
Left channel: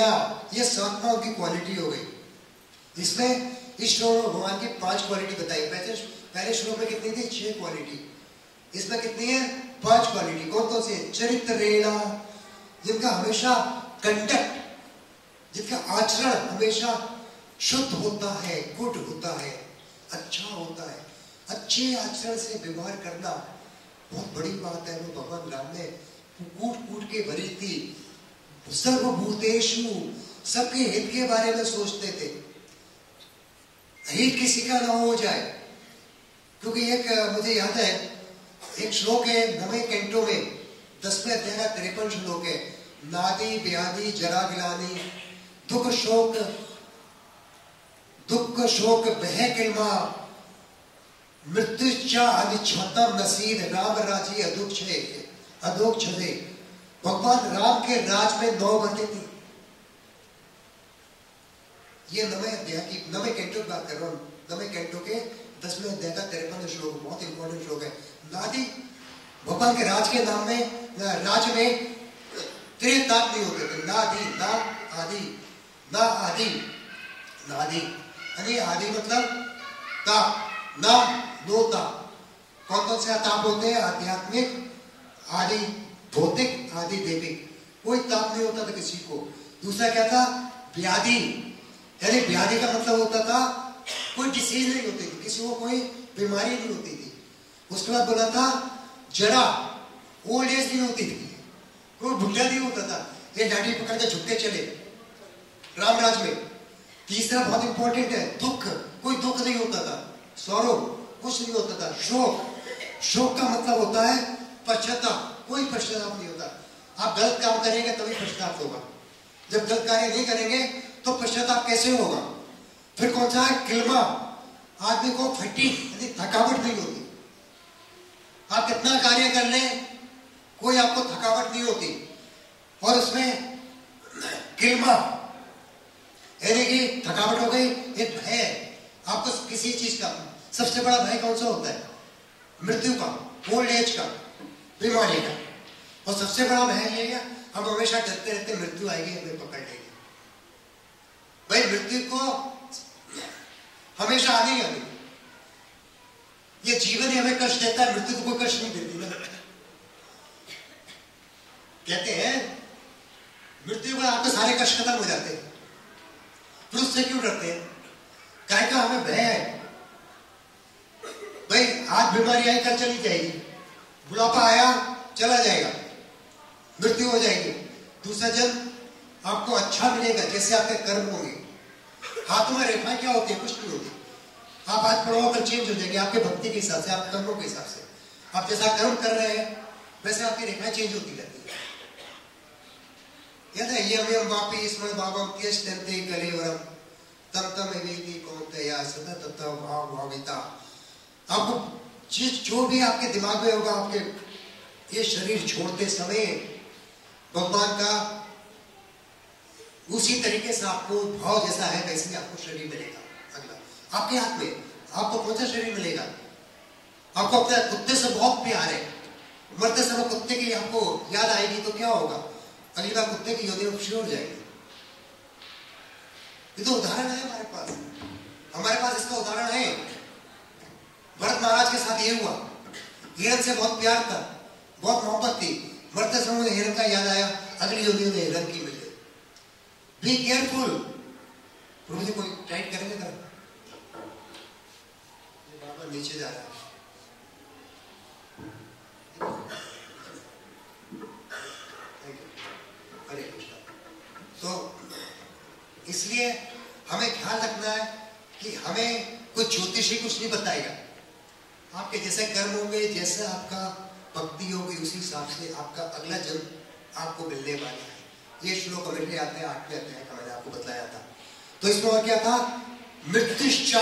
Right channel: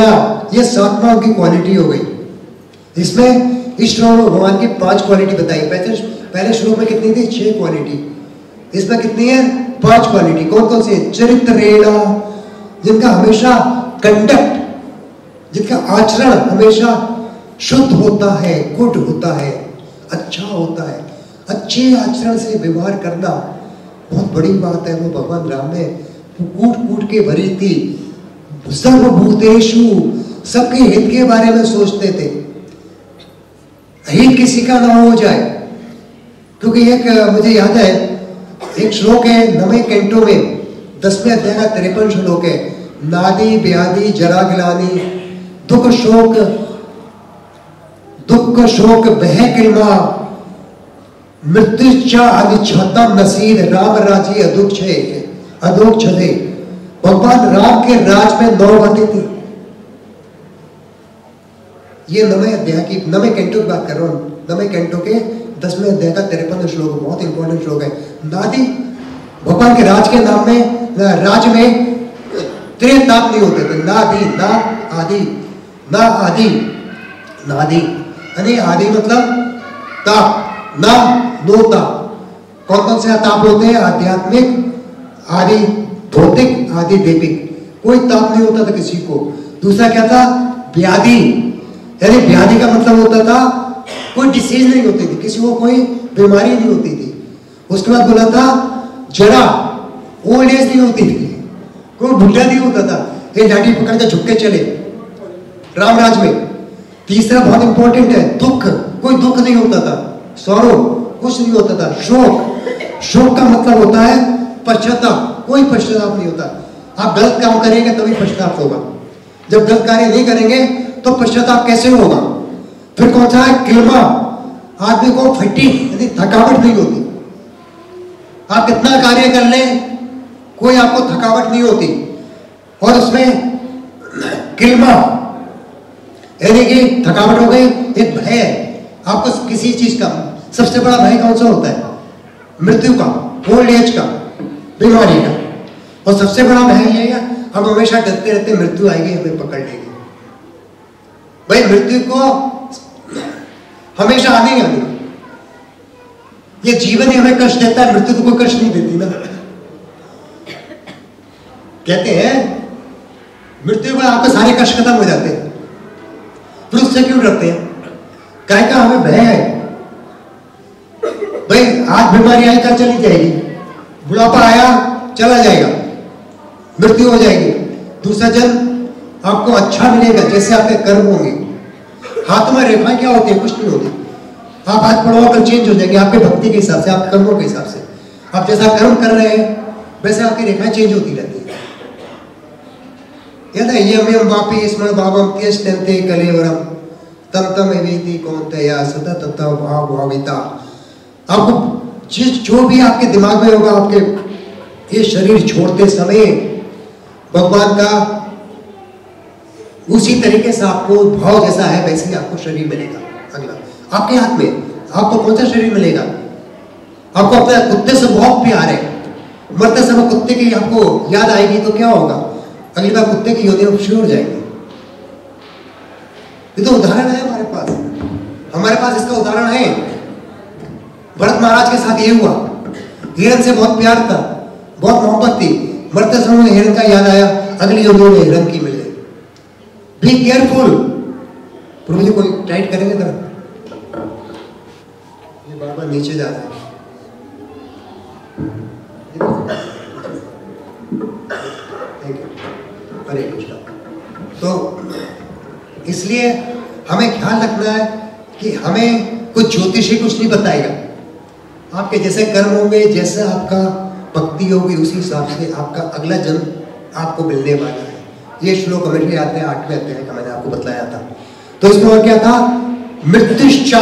ये 7वां की क्वालिटी हो गई। इसमें इस श्लोक में भगवान की 5 क्वालिटी बताई। पहले श्लोक में कितनी थी, 6 क्वालिटी। इसमें कितनी है, 5 क्वालिटी। कौन कौन सी है, चरित्रेण, जिनका हमेशा कंडक्ट, जिनका आचरण हमेशा शुद्ध होता है, गुड होता है, अच्छा होता है। अच्छे आचरण से व्यवहार करना बहुत बड़ी बात है। वो भगवान राम ने कूट कूट के भरी थी। सर्वभूतेषु, सबके हित के बारे में सोचते थे, हित किसी का ना हो जाए। क्योंकि एक मुझे याद है, एक श्लोक है नवे कैंटो में, 10वें अध्याय का 53 श्लोक है। नादी व्याधि जरा गिलानी दुख शोक बह किलमा मृत्युचा अनिच्छतम नसीद राम राजी अदोक्ष थे। भगवान राम के राज में 9 बातें थी। ये नवे अध्याय की, नवे कैंटो की बात कर रहा हूं, नवे कैंटो के 10वें अध्याय का 53 श्लोक, बहुत इंपॉर्टेंट श्लोक है। नादी, भगवान के राज के नाम में, राज में त्रिताप नहीं होते थे। नादी, ना आदि, ना आदि, नादी यानी आदि मतलब ताप, ना नो ताप। कौन कौन से ताप होते हैं, आध्यात्मिक, आदि भौतिक, आदि दैविक। कोई ताप नहीं होता था किसी को। दूसरा क्या था, व्याधि, यानी व्याधि का मतलब होता था कोई डिसीज नहीं होती थी, किसी को कोई बीमारी नहीं होती थी। उसके बाद बोला था जरा, ओल्ड एज नहीं होती थी, कोई बुढ़ा नहीं होता था, ये लाठी पकड़ के झुक के चले राम राज में। तीसरा बहुत इंपॉर्टेंट है, दुख, कोई दुख नहीं होता था, सौरो कुछ नहीं होता था। शोक का मतलब होता है पश्चाताप, कोई पश्चाताप नहीं होता। आप गलत काम करेंगे तभी पश्चाताप होगा, जब गलत कार्य नहीं करेंगे तो पश्चाताप कैसे होगा। फिर कौन सा है, किलमा, आदमी को फटीग यानी थकावट नहीं होती। आप कितना कार्य कर लें कोई आपको थकावट नहीं होती। और उसमें किलमा यानी कि थकावट हो गई। एक भय है आपको किसी चीज का, सबसे बड़ा भय कौन सा होता है, मृत्यु का, ओल्ड एज का, बीमारी का। और सबसे बड़ा भय ये है, हम हमेशा डरते रहते मृत्यु आएगी हमें पकड़ लेगी। भाई मृत्यु को हमेशा आने ही आने, ये जीवन ही हमें कष्ट देता है, मृत्यु तो कोई कष्ट नहीं देती ना। कहते हैं मृत्यु में आपके सारे कष्ट खत्म हो जाते हैं, फिर उससे क्यों डरते हैं, क्या का हमें भय है। भाई आज बीमारी आई कल चली जाएगी, बुढ़ापा आया चला जाएगा, मृत्यु हो जाएगी। दूसरा जन्म आपको अच्छा मिलेगा जैसे आपके कर्म होंगे। हाथों में रेखाएं क्या होती है? कुछ नहीं होती। आप हाथ पढ़ो कल चेंज हो जाएंगे आपके भक्ति के हिसाब से, आपके कर्मों के हिसाब से। आप जैसा कर्म कर रहे हैं वैसे आपकी रेखाएं चेंज होती रहती है। यदा यम वापी स्मरण भावम त्यजन्ते कलेवरम तम तम एवेति कौन्तेय सदा तथा भाव भाविता। आपको जो भी आपके दिमाग में होगा, आपके ये शरीर छोड़ते समय भगवान का उसी तरीके से आपको भाव जैसा है वैसे ही आपको शरीर मिलेगा। अगला आपके हाथ में आपको कौन सा शरीर मिलेगा? आपको अपने कुत्ते से बहुत प्यार है, मरते समय कुत्ते की आपको याद आएगी तो क्या होगा? अगली बार कुत्ते की योनि शुरू हो जाएगी। ये तो उदाहरण है हमारे पास इसका उदाहरण है। भरत महाराज के साथ ये हुआ, हिरण से बहुत प्यार था, बहुत मोहब्बत थी, मरते समय हिरण का याद आया, अगली योनि में हिरण की मिल गई। Be careful. प्रभु जी कोई टाइट करेंगे ना, ये बार बार नीचे जा रहा है। हरे कृष्णा। तो इसलिए हमें ख्याल रखना है कि हमें कुछ ज्योतिषी कुछ नहीं बताएगा। आपके जैसे कर्म होंगे, जैसे आपका भक्ति होगी, उसी हिसाब से आपका अगला जन्म आपको मिलने वाला है। ये श्लोक कमेंट्री आते हैं 8वें अध्याय का, मैंने आपको बताया था। तो इसमें और क्या था? मृत्युश्चा।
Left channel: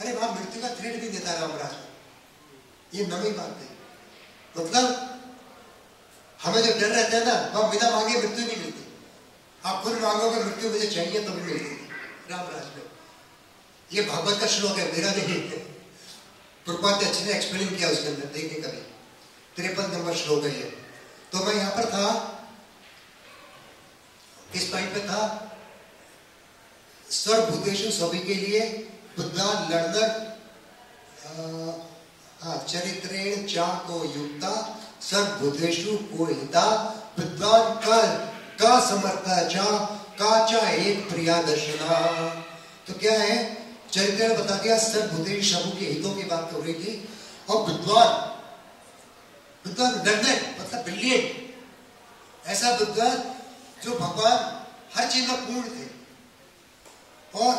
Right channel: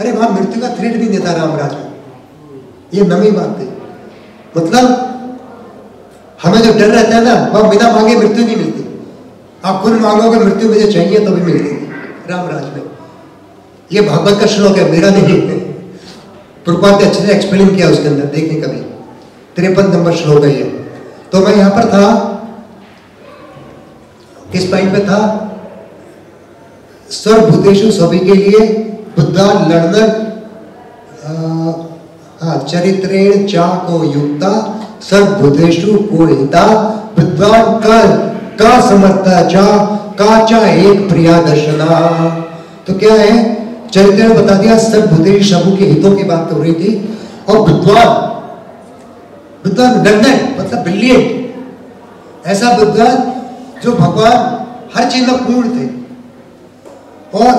अरे वहां मृत्यु का थ्रेट भी नहीं था रामराज में, ये नवी बात थी। मतलब हमें जो डर रहता है ना, वह बिना मांगे मृत्यु नहीं मिलती। आप खुद मांगोगे मृत्यु मुझे चाहिए तो भी मिलती रामराज में। ये भागवत का श्लोक है, मेरा नहीं है। प्रभुपाद ने अच्छे से एक्सप्लेन किया उसके अंदर, देखने कभी 53 नंबर श्लोक है ये। तो मैं यहां पर था, किस पॉइंट पे था? सर्वभूतेषु सभी के लिए बुद्धा लड़नर चरित्रेण चा को युक्ता सर्वभूतेषु को हिता विद्वान का समर्था चा एक प्रिया दर्शना। तो क्या है? चरित्र बता दिया, सर्वभूतेषु सबू के हितों की बात हो रही थी। और विद्वान लर्नर मतलब ब्रिलियंट, ऐसा विद्वान जो भगवान हर चीज में पूर्ण थे। और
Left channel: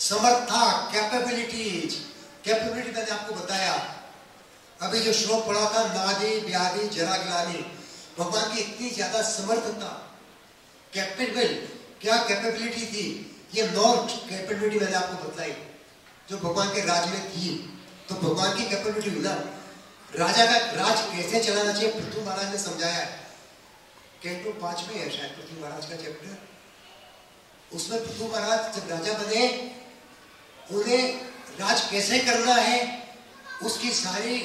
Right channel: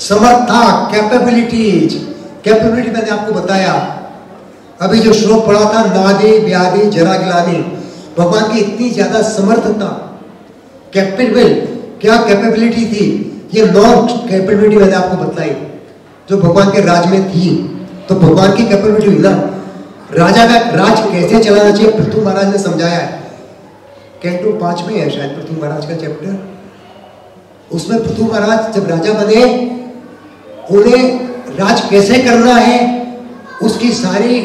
समर्था कैपेबिलिटी मैंने आपको बताया अभी जो श्लोक पढ़ा था, नादे व्याधि जरा गिलानी। भगवान की इतनी ज्यादा समर्थता, कैपेबल, क्या कैपेबिलिटी थी, ये 9 कैपेबिलिटी मैंने आपको बताई जो भगवान के राज में थी। तो भगवान की कैपेबिलिटी हुई ना, राजा का राज कैसे चलाना चाहिए पृथु महाराज ने समझाया है। कैंटो 5 में है शायद पृथु महाराज का चैप्टर। उसमें पृथु महाराज जब राजा बने, उन्हें राज कैसे करना है उसकी सारी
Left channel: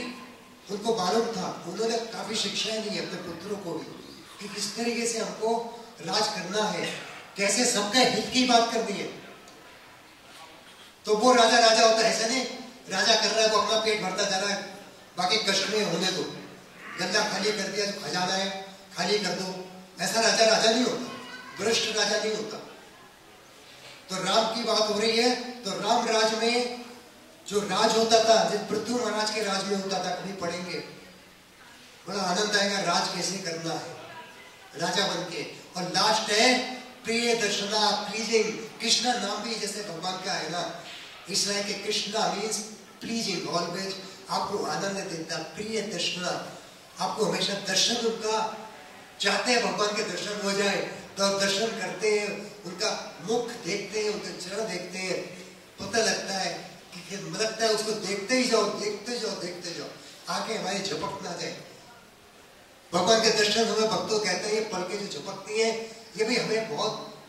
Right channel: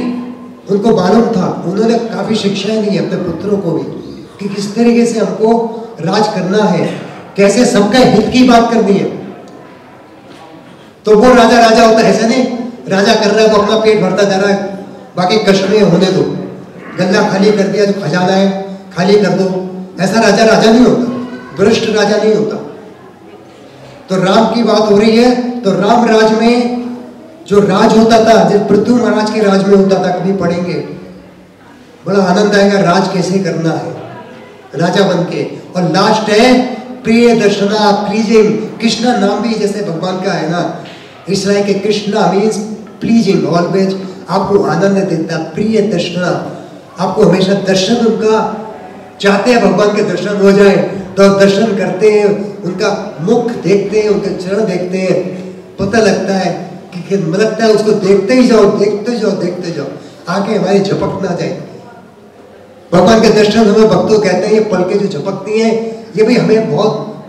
उनको मालूम था। उन्होंने काफी शिक्षाएं दी अपने पुत्रों को भी कि किस तरीके से हमको राज करना है, कैसे सबका हित की बात करनी है। तो वो राजा होता है, ऐसा नहीं राजा कर रहा है वो अपना पेट भरता जा रहा है, बाकी कष्ट में होने दो, गल्ला खाली कर दिया, जो खजाना है खाली कर दो। ऐसा राजा नहीं होता, भ्रष्ट राजा नहीं होता। तो राम की बात हो रही है। तो राम राज में जो राज होता था, जब पृथु महाराज के राज में होता था, कभी पढ़ेंगे, बड़ा आनंद आएगा राज कैसे करना है राजा बन के। और लास्ट है प्रिय दर्शना, प्लीजिंग। कृष्णा नाम भी जैसे भगवान का है ना, इसलिए कि कृष्णा मीन्स प्लीजिंग, ऑलवेज आपको आनंद देता। प्रिय दर्शना, आपको हमेशा दर्शन उनका चाहते हैं, भगवान के दर्शन हो जाए तो दर्शन करते हैं, उनका मुख देखते हैं, उनके चरण देखते हैं, पता लगता है कि लगता है उसको देखते ही जाओ, देखते जाओ, आंखें हमारी झपक ना जाए। भगवान के दर्शन हमें भक्तों कहते हैं, ये पलकें जो झपकती हैं, ये भी हमें बहुत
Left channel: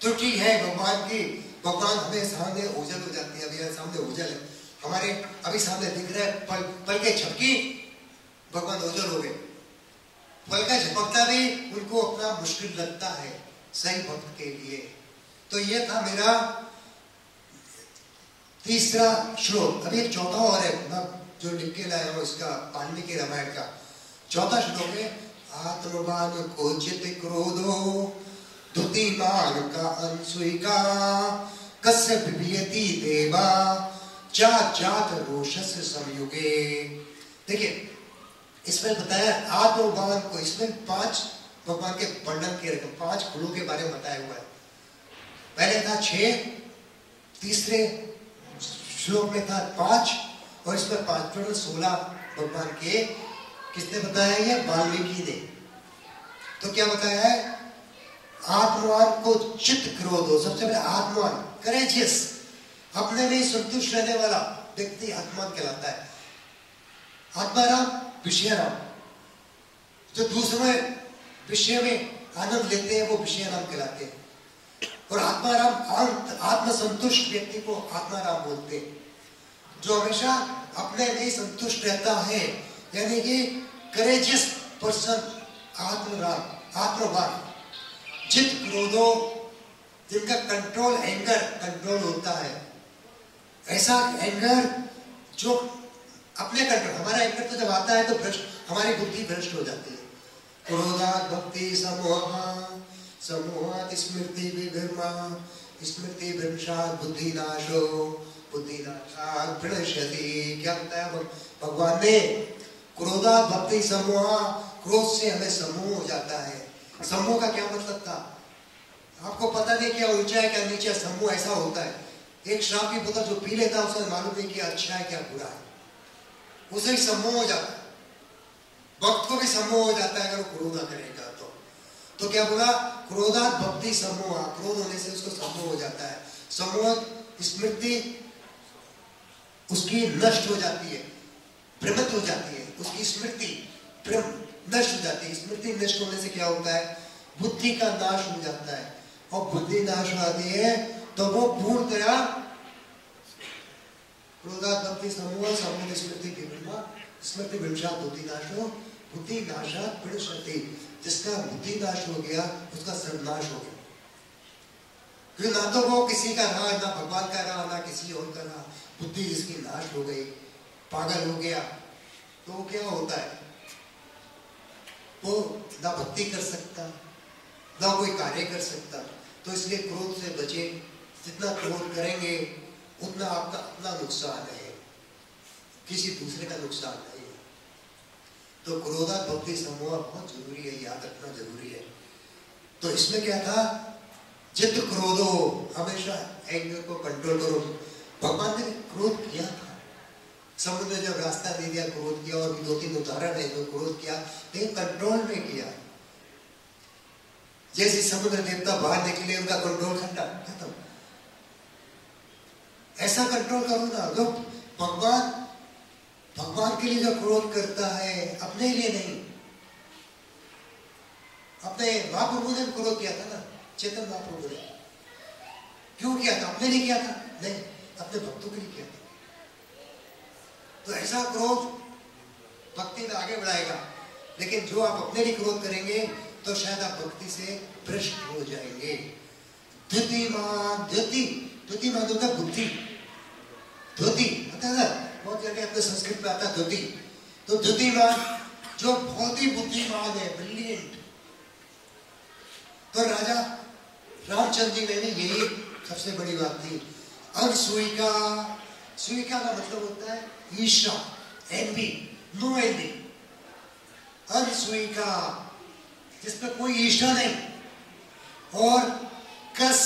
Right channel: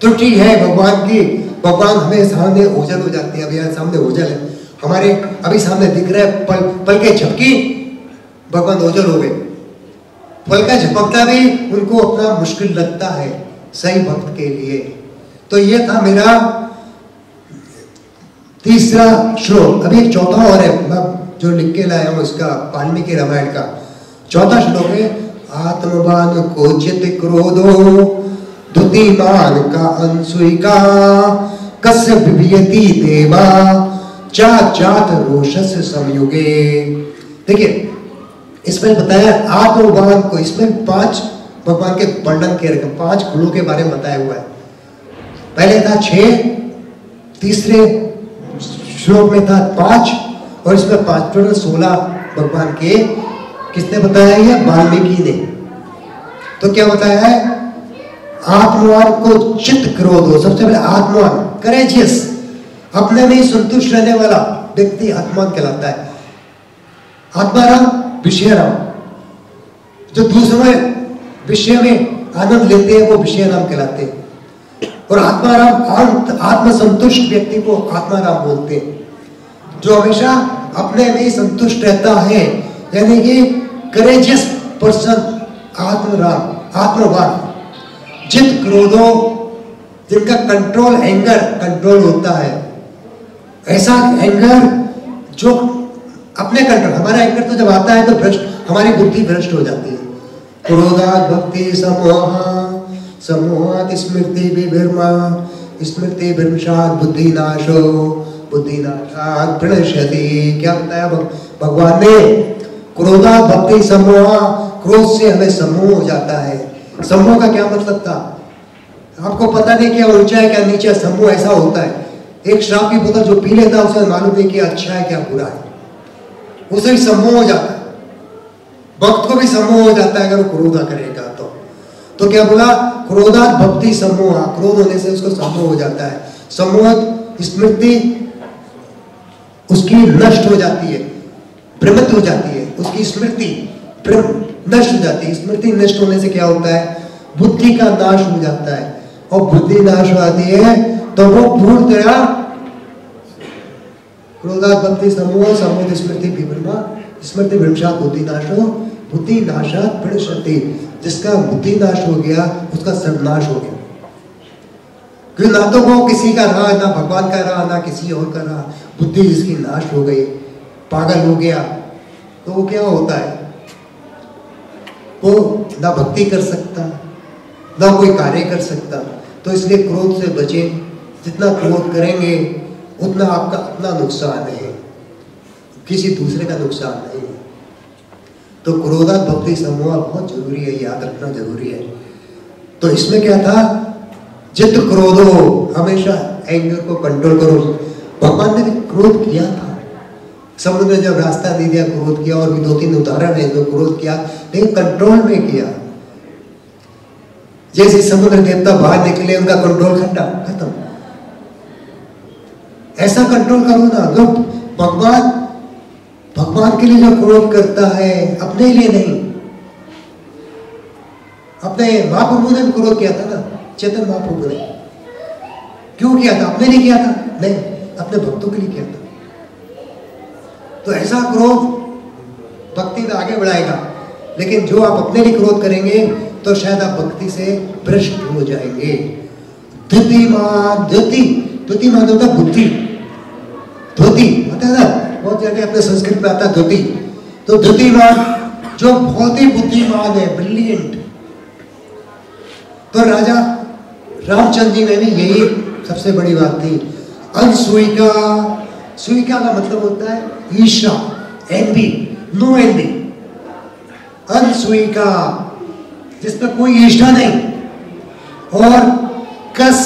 त्रुटि है भगवान की। भगवान हमें सामने ओझल हो जाती है। अभी यहाँ सामने ओझल है, हमारे अभी सामने दिख रहा है, पलकें झपकी, भगवान ओझल हो गए। पलका झपकता भी उनको अपना मुश्किल लगता है सही भक्त के लिए। तो ये था मेरा तीसरा श्लोक। अभी एक चौथा और है, मैं जो लिख के लाया हूं इसका, वाल्मीकि रामायण का चौथा श्लोक है। आत्मवान को चित क्रोधो धुतिमान का अनसुइका कस्य विभियति देवा चात रोषस संयुगे। देखिए इसमें बताया आत्मवान को, इसमें 5 भगवान के वर्णन के रकम 5 गुणों के बारे में बताया हुआ है। पहले था 6, तीसरे श्लोक में था 5 और इसमें 5 टोटल 16 भगवान के किसने बताया है? वाल्मीकि ने। तो क्या बताया है? आत्मवान को चित्त क्रोध हो। सबसे पहले आत्मवान, करेजियस, अपने में ही संतुष्ट रहने वाला व्यक्ति आत्मवान कहलाता है। आत्माराम, विषयराम, जो दूसरे विषय में आनंद लेते हैं वो विषयराम कहलाते हैं। और आत्माराम, आत्मसंतुष्ट व्यक्ति को आत्माराम बोलते हैं, जो हमेशा अपने में ही संतुष्ट रहता है, यानी कि करेजियस पर्सन आत्मराम, आत्मवान। जित क्रोधो, जिनका कंट्रोल, एंगर कंट्रोल होता है, ऐसा एंगर जो अपने कंट्रोल, हमारा एंगर तो जब आता है तो भ्रष्ट, हमारी बुद्धि भ्रष्ट हो जाती है। क्रोधात् भक्ति समोहा, समोहात् स्मृति विभ्रमा, स्मृति विभ्रंशात् बुद्धिनाशो, बुद्धिनाशात् प्रणश्यति। क्या बताया भगवान ने? क्रोधात् भक्ति समोहा, क्रोध से हमें समोह हो जाता है। समोह का क्या मतलब था? आपको पता नहीं क्या ऊंचा है क्या नीचा, समोह ऐसा होता है। एक शराब की बोतल जो पी लेता है उसे मालूम नहीं क्या अच्छा है क्या बुरा है, उसे ही सम्मोह हो जाता है। भक्त को भी सम्मोह हो जाता है अगर वो क्रोधा करेगा तो क्या बोला? क्रोधात् भक्ति सम्मोह, क्रोध होने से उसको सम्मोह हो जाता है। सम्मोह स्मृति उसकी नष्ट हो जाती है, भ्रमित हो जाती है, उसकी स्मृति नष्ट हो जाती है। स्मृति नष्ट होने से क्या होता है? बुद्धि का नाश हो जाता है, और बुद्धि नाश हो जाती है तो वो पूर्ण तरह क्रोधात् भक्ति समूह, समूह स्मृति विभ्रमा, स्मृति विभ्रंशात् बुद्धि नाशो, बुद्धि नाशात् प्रणश्यति। जिसका बुद्धि नाश हो गया उसका सर्वनाश हो गया। क्योंकि ना तो वो किसी का रहा, ना भगवान का रहा, ना किसी और का रहा। बुद्धि जिसकी नाश हो गई, पागल हो गया, तो वो क्या होता है? वो ना भक्ति कर सकता, ना कोई कार्य कर सकता। तो इसलिए क्रोध से बचें। जितना क्रोध करेंगे उतना आपका अपना नुकसान है, किसी दूसरे का नुकसान नहीं है। तो क्रोधात् भक्ति समूह बहुत जरूरी है, याद रखना जरूरी है। तो इसमें क्या था? जित क्रोधो, हमेशा एंगर को कंट्रोल करो। भगवान ने भी क्रोध किया था। समुद्र ने जब रास्ता नहीं दिया क्रोध किया, और भी 2-3 उदाहरण है जो क्रोध किया, लेकिन कंट्रोल में किया। जैसे समुद्र देवता बाहर निकले, उनका कंट्रोल खत्म। ऐसा कंट्रोल करो ना। जो भगवान के लिए जो क्रोध करता है, अपने लिए नहीं। अपने महाप्रभु ने भी क्रोध किया था ना, चैतन्य महाप्रभु ने। क्यों किया था? अपने लिए किया था? नहीं, अपने भक्तों के लिए किया था। तो ऐसा क्रोध भक्ति में आगे बढ़ाएगा। लेकिन जो आप अपने लिए क्रोध करेंगे तो शायद आप भक्ति से भ्रष्ट हो जाएंगे। द्युति मान होता बुद्धि, धोती होता है ना, बहुत जगह अपने संस्कृत में आता धोती। तो द्युतिमान जो बहुत ही बुद्धिमान है, ब्रिलियंट। तो राजा रामचंद्र जी में भी यही सबसे बड़ी बात थी। अनसूयिका, सूयिका का मतलब होता है ईर्ष्या, एनवी, नो एनवी। अनसूयिका, जिसमें कोई ईर्ष्या नहीं। और कस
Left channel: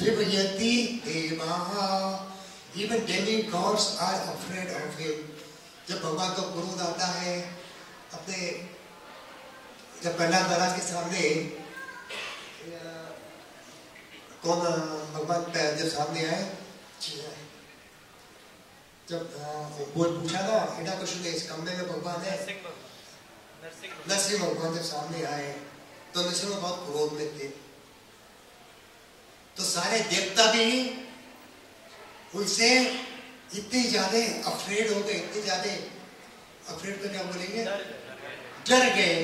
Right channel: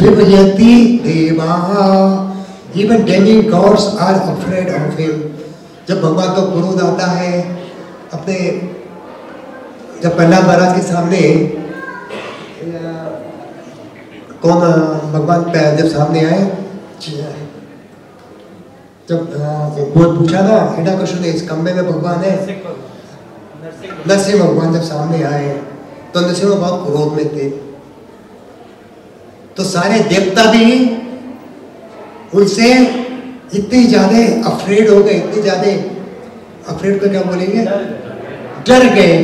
विभयति देवा, even demi gods are afraid of him. जब भगवान का क्रोध आता है, अपने जब प्रहलाद महाराज के सामने कौन भगवान जब सामने आए, जब वो पूछा ना हिरण्यकशिपु ने, इस कमरे में भगवान है। नरसिंह भगवान जब सामने आए तो नरसिंह बहुत क्रोध में थे। तो सारे देवता भी उनसे इतने ज्यादा अफ्रेड हो गए, इतने ज्यादा अफ्रेड को क्या बोलेंगे, डर गए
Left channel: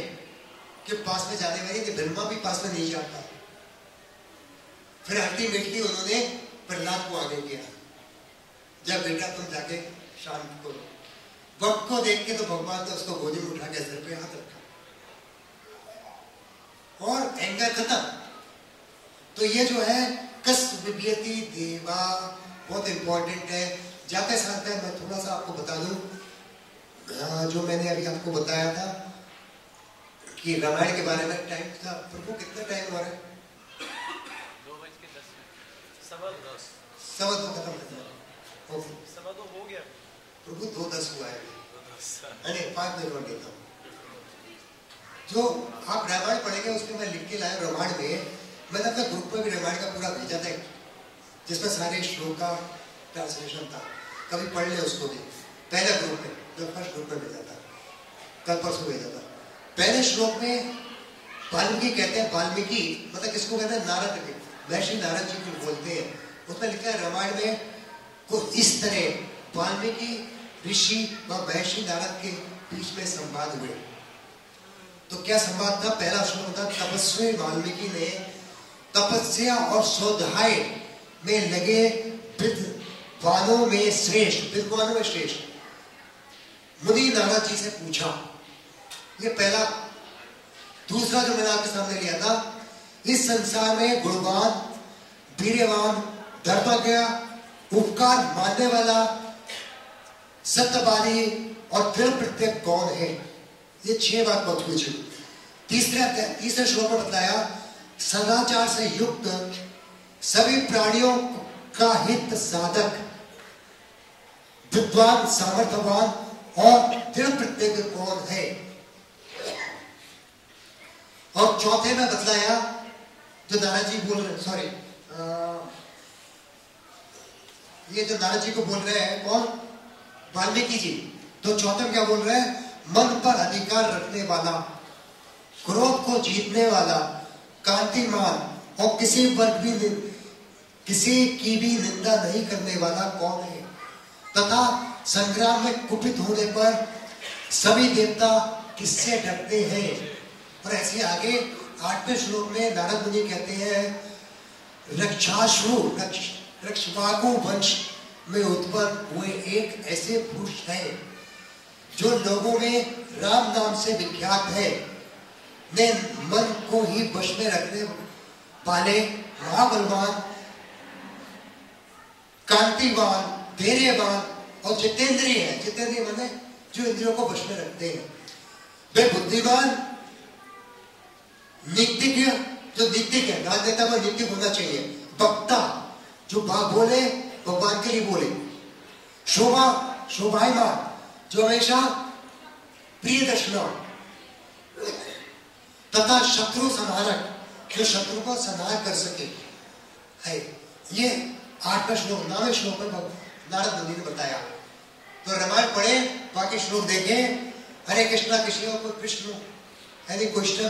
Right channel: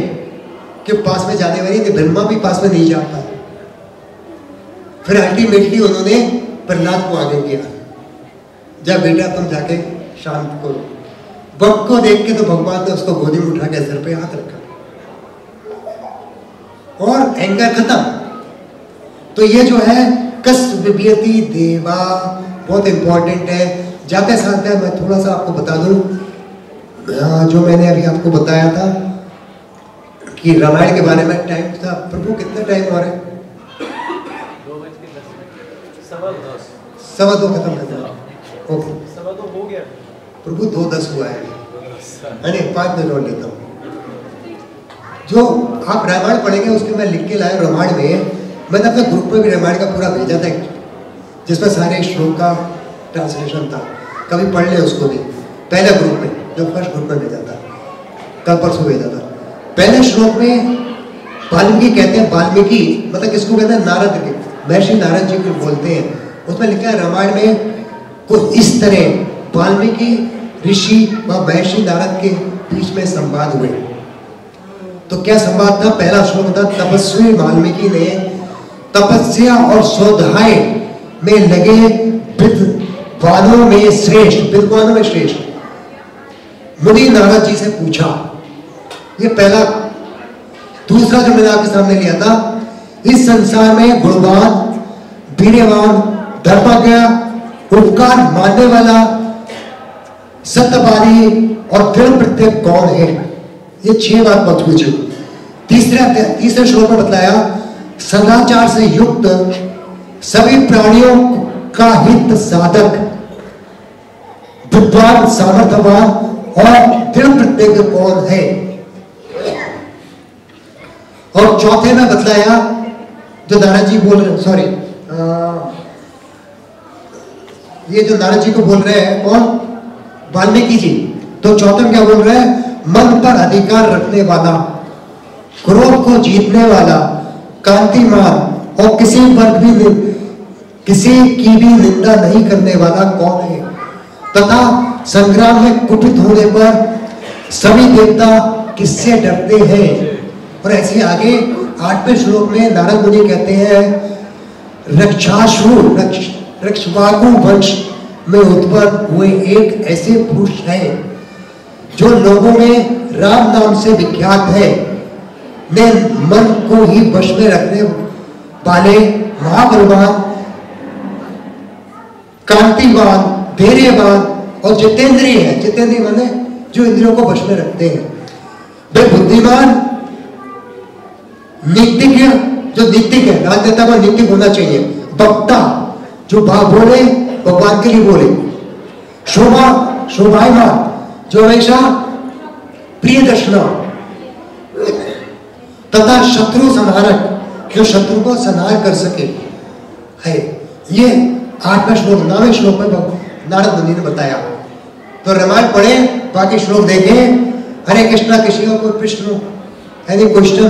कि पास में जाने वाली थी। ब्रह्मा भी पास में नहीं जा पाए। फिर अल्टीमेटली उन्होंने प्रहलाद को आगे किया, जब बेटा तुम जाके शांत करो। वक्त को देख के तो भगवान ने उसको गोदी में उठा के सर पे हाथ रखा और एंगर खत्म। तो ये जो है कस विभयति देवा बहुत इंपॉर्टेंट है। जाते साथ मैं थोड़ा सा आपको बता दूं, जो मैंने अभी आपको बताया था कि रामायण के बारे में टाइम था। प्रभु कितना टाइम हो रहा है? 2:15 खत्म कर दिया। ओके 2:15 हो गया प्रभु 2:10 हुआ है। अरे 5 मिनट और लेता हूँ। जो आप रामायण पढ़ेंगे उसके मैं लिख के लाया रामायण में। मैंने अपने ग्रुप में भी रामायण का पूरा भेजा था जिसमें सारे श्लोक का ट्रांसलेशन था। कभी पढ़ ले उसको भी। पहले ग्रुप में जो फर्स्ट ग्रुप में भेजा था, कल परसों भेजा था। पहले श्लोक में वाल्मीकि कहते हैं, वाल्मीकि मतलब किसको कहते हैं? नारद के, महर्षि नारद जी को बोलते हैं। उसमें लिखा है रामायण में कुछ इस तरह वाल्मीकि ऋषि व महर्षि नारद के बीच में संवाद हुए। तो क्या संवाद था? पहला श्लोक था, तपस्वी वाल्मीकि ने तपस्या और स्वाध्याय में लगे विद्वानों में श्रेष्ठ मुनि नारद जी से पूछा। ये पहला। दूसरा जो मैंने आपके सामने लिया था, इस संसार में गुणवान, वीर्यवान, धर्मज्ञ, उपकार मानने वाला, सत्यवादी और दृढ़ प्रत्यय कौन है? ये 6 बात पूछी। तीसरे श्लोक में बताया, सदाचार से युक्त, सभी प्राणियों का हित साधक, विद्वान, सामर्थ्यवान और दृढ़ प्रत्यय कौन है? और चौथे में बतलाया जो नारद जी बोल रहे, सॉरी ये जो नारद जी को बोल रहे हैं कौन? वाल्मीकि जी। तो चौथे में क्या बोल रहे हैं? मन पर अधिकार रखने वाला, क्रोध को जीतने वाला, कांतिमान और किसी की भी निंदा नहीं करने वाला कौन है? तथा संग्राम में कुपित होने पर सभी देवता किससे डरते हैं? और ऐसे आगे 8वें श्लोक में नारद मुनि कहते हैं, रक्षवागु वंश में उत्पन्न हुए एक ऐसे पुरुष हैं जो लोगों में राम नाम से विख्यात है, ने मन को ही वश में रखने वाले महाबलवान, कांतिवान, धैर्यवान और जितेंद्रिय है। जितेंद्रिय माने जो इंद्रियों को वश में रखते हैं। वे बुद्धिमान, नीतिज्ञ, जो नीतिज्ञ है, राजनेता को नीतिज्ञ होना चाहिए। वक्ता, जो बोले भगवान के लिए बोले। शोभायमान, जो हमेशा प्रिय दर्शना। तथा शत्रु संहारक, जो शत्रु को संहार कर सके है। ये 8वें श्लोक। 9वें श्लोक में नारद मुनि ने बताया। तो रामायण पढ़े, बाकी श्लोक देखें। हरे कृष्णा। किसी का कोई प्रश्न, एनी क्वेश्चन?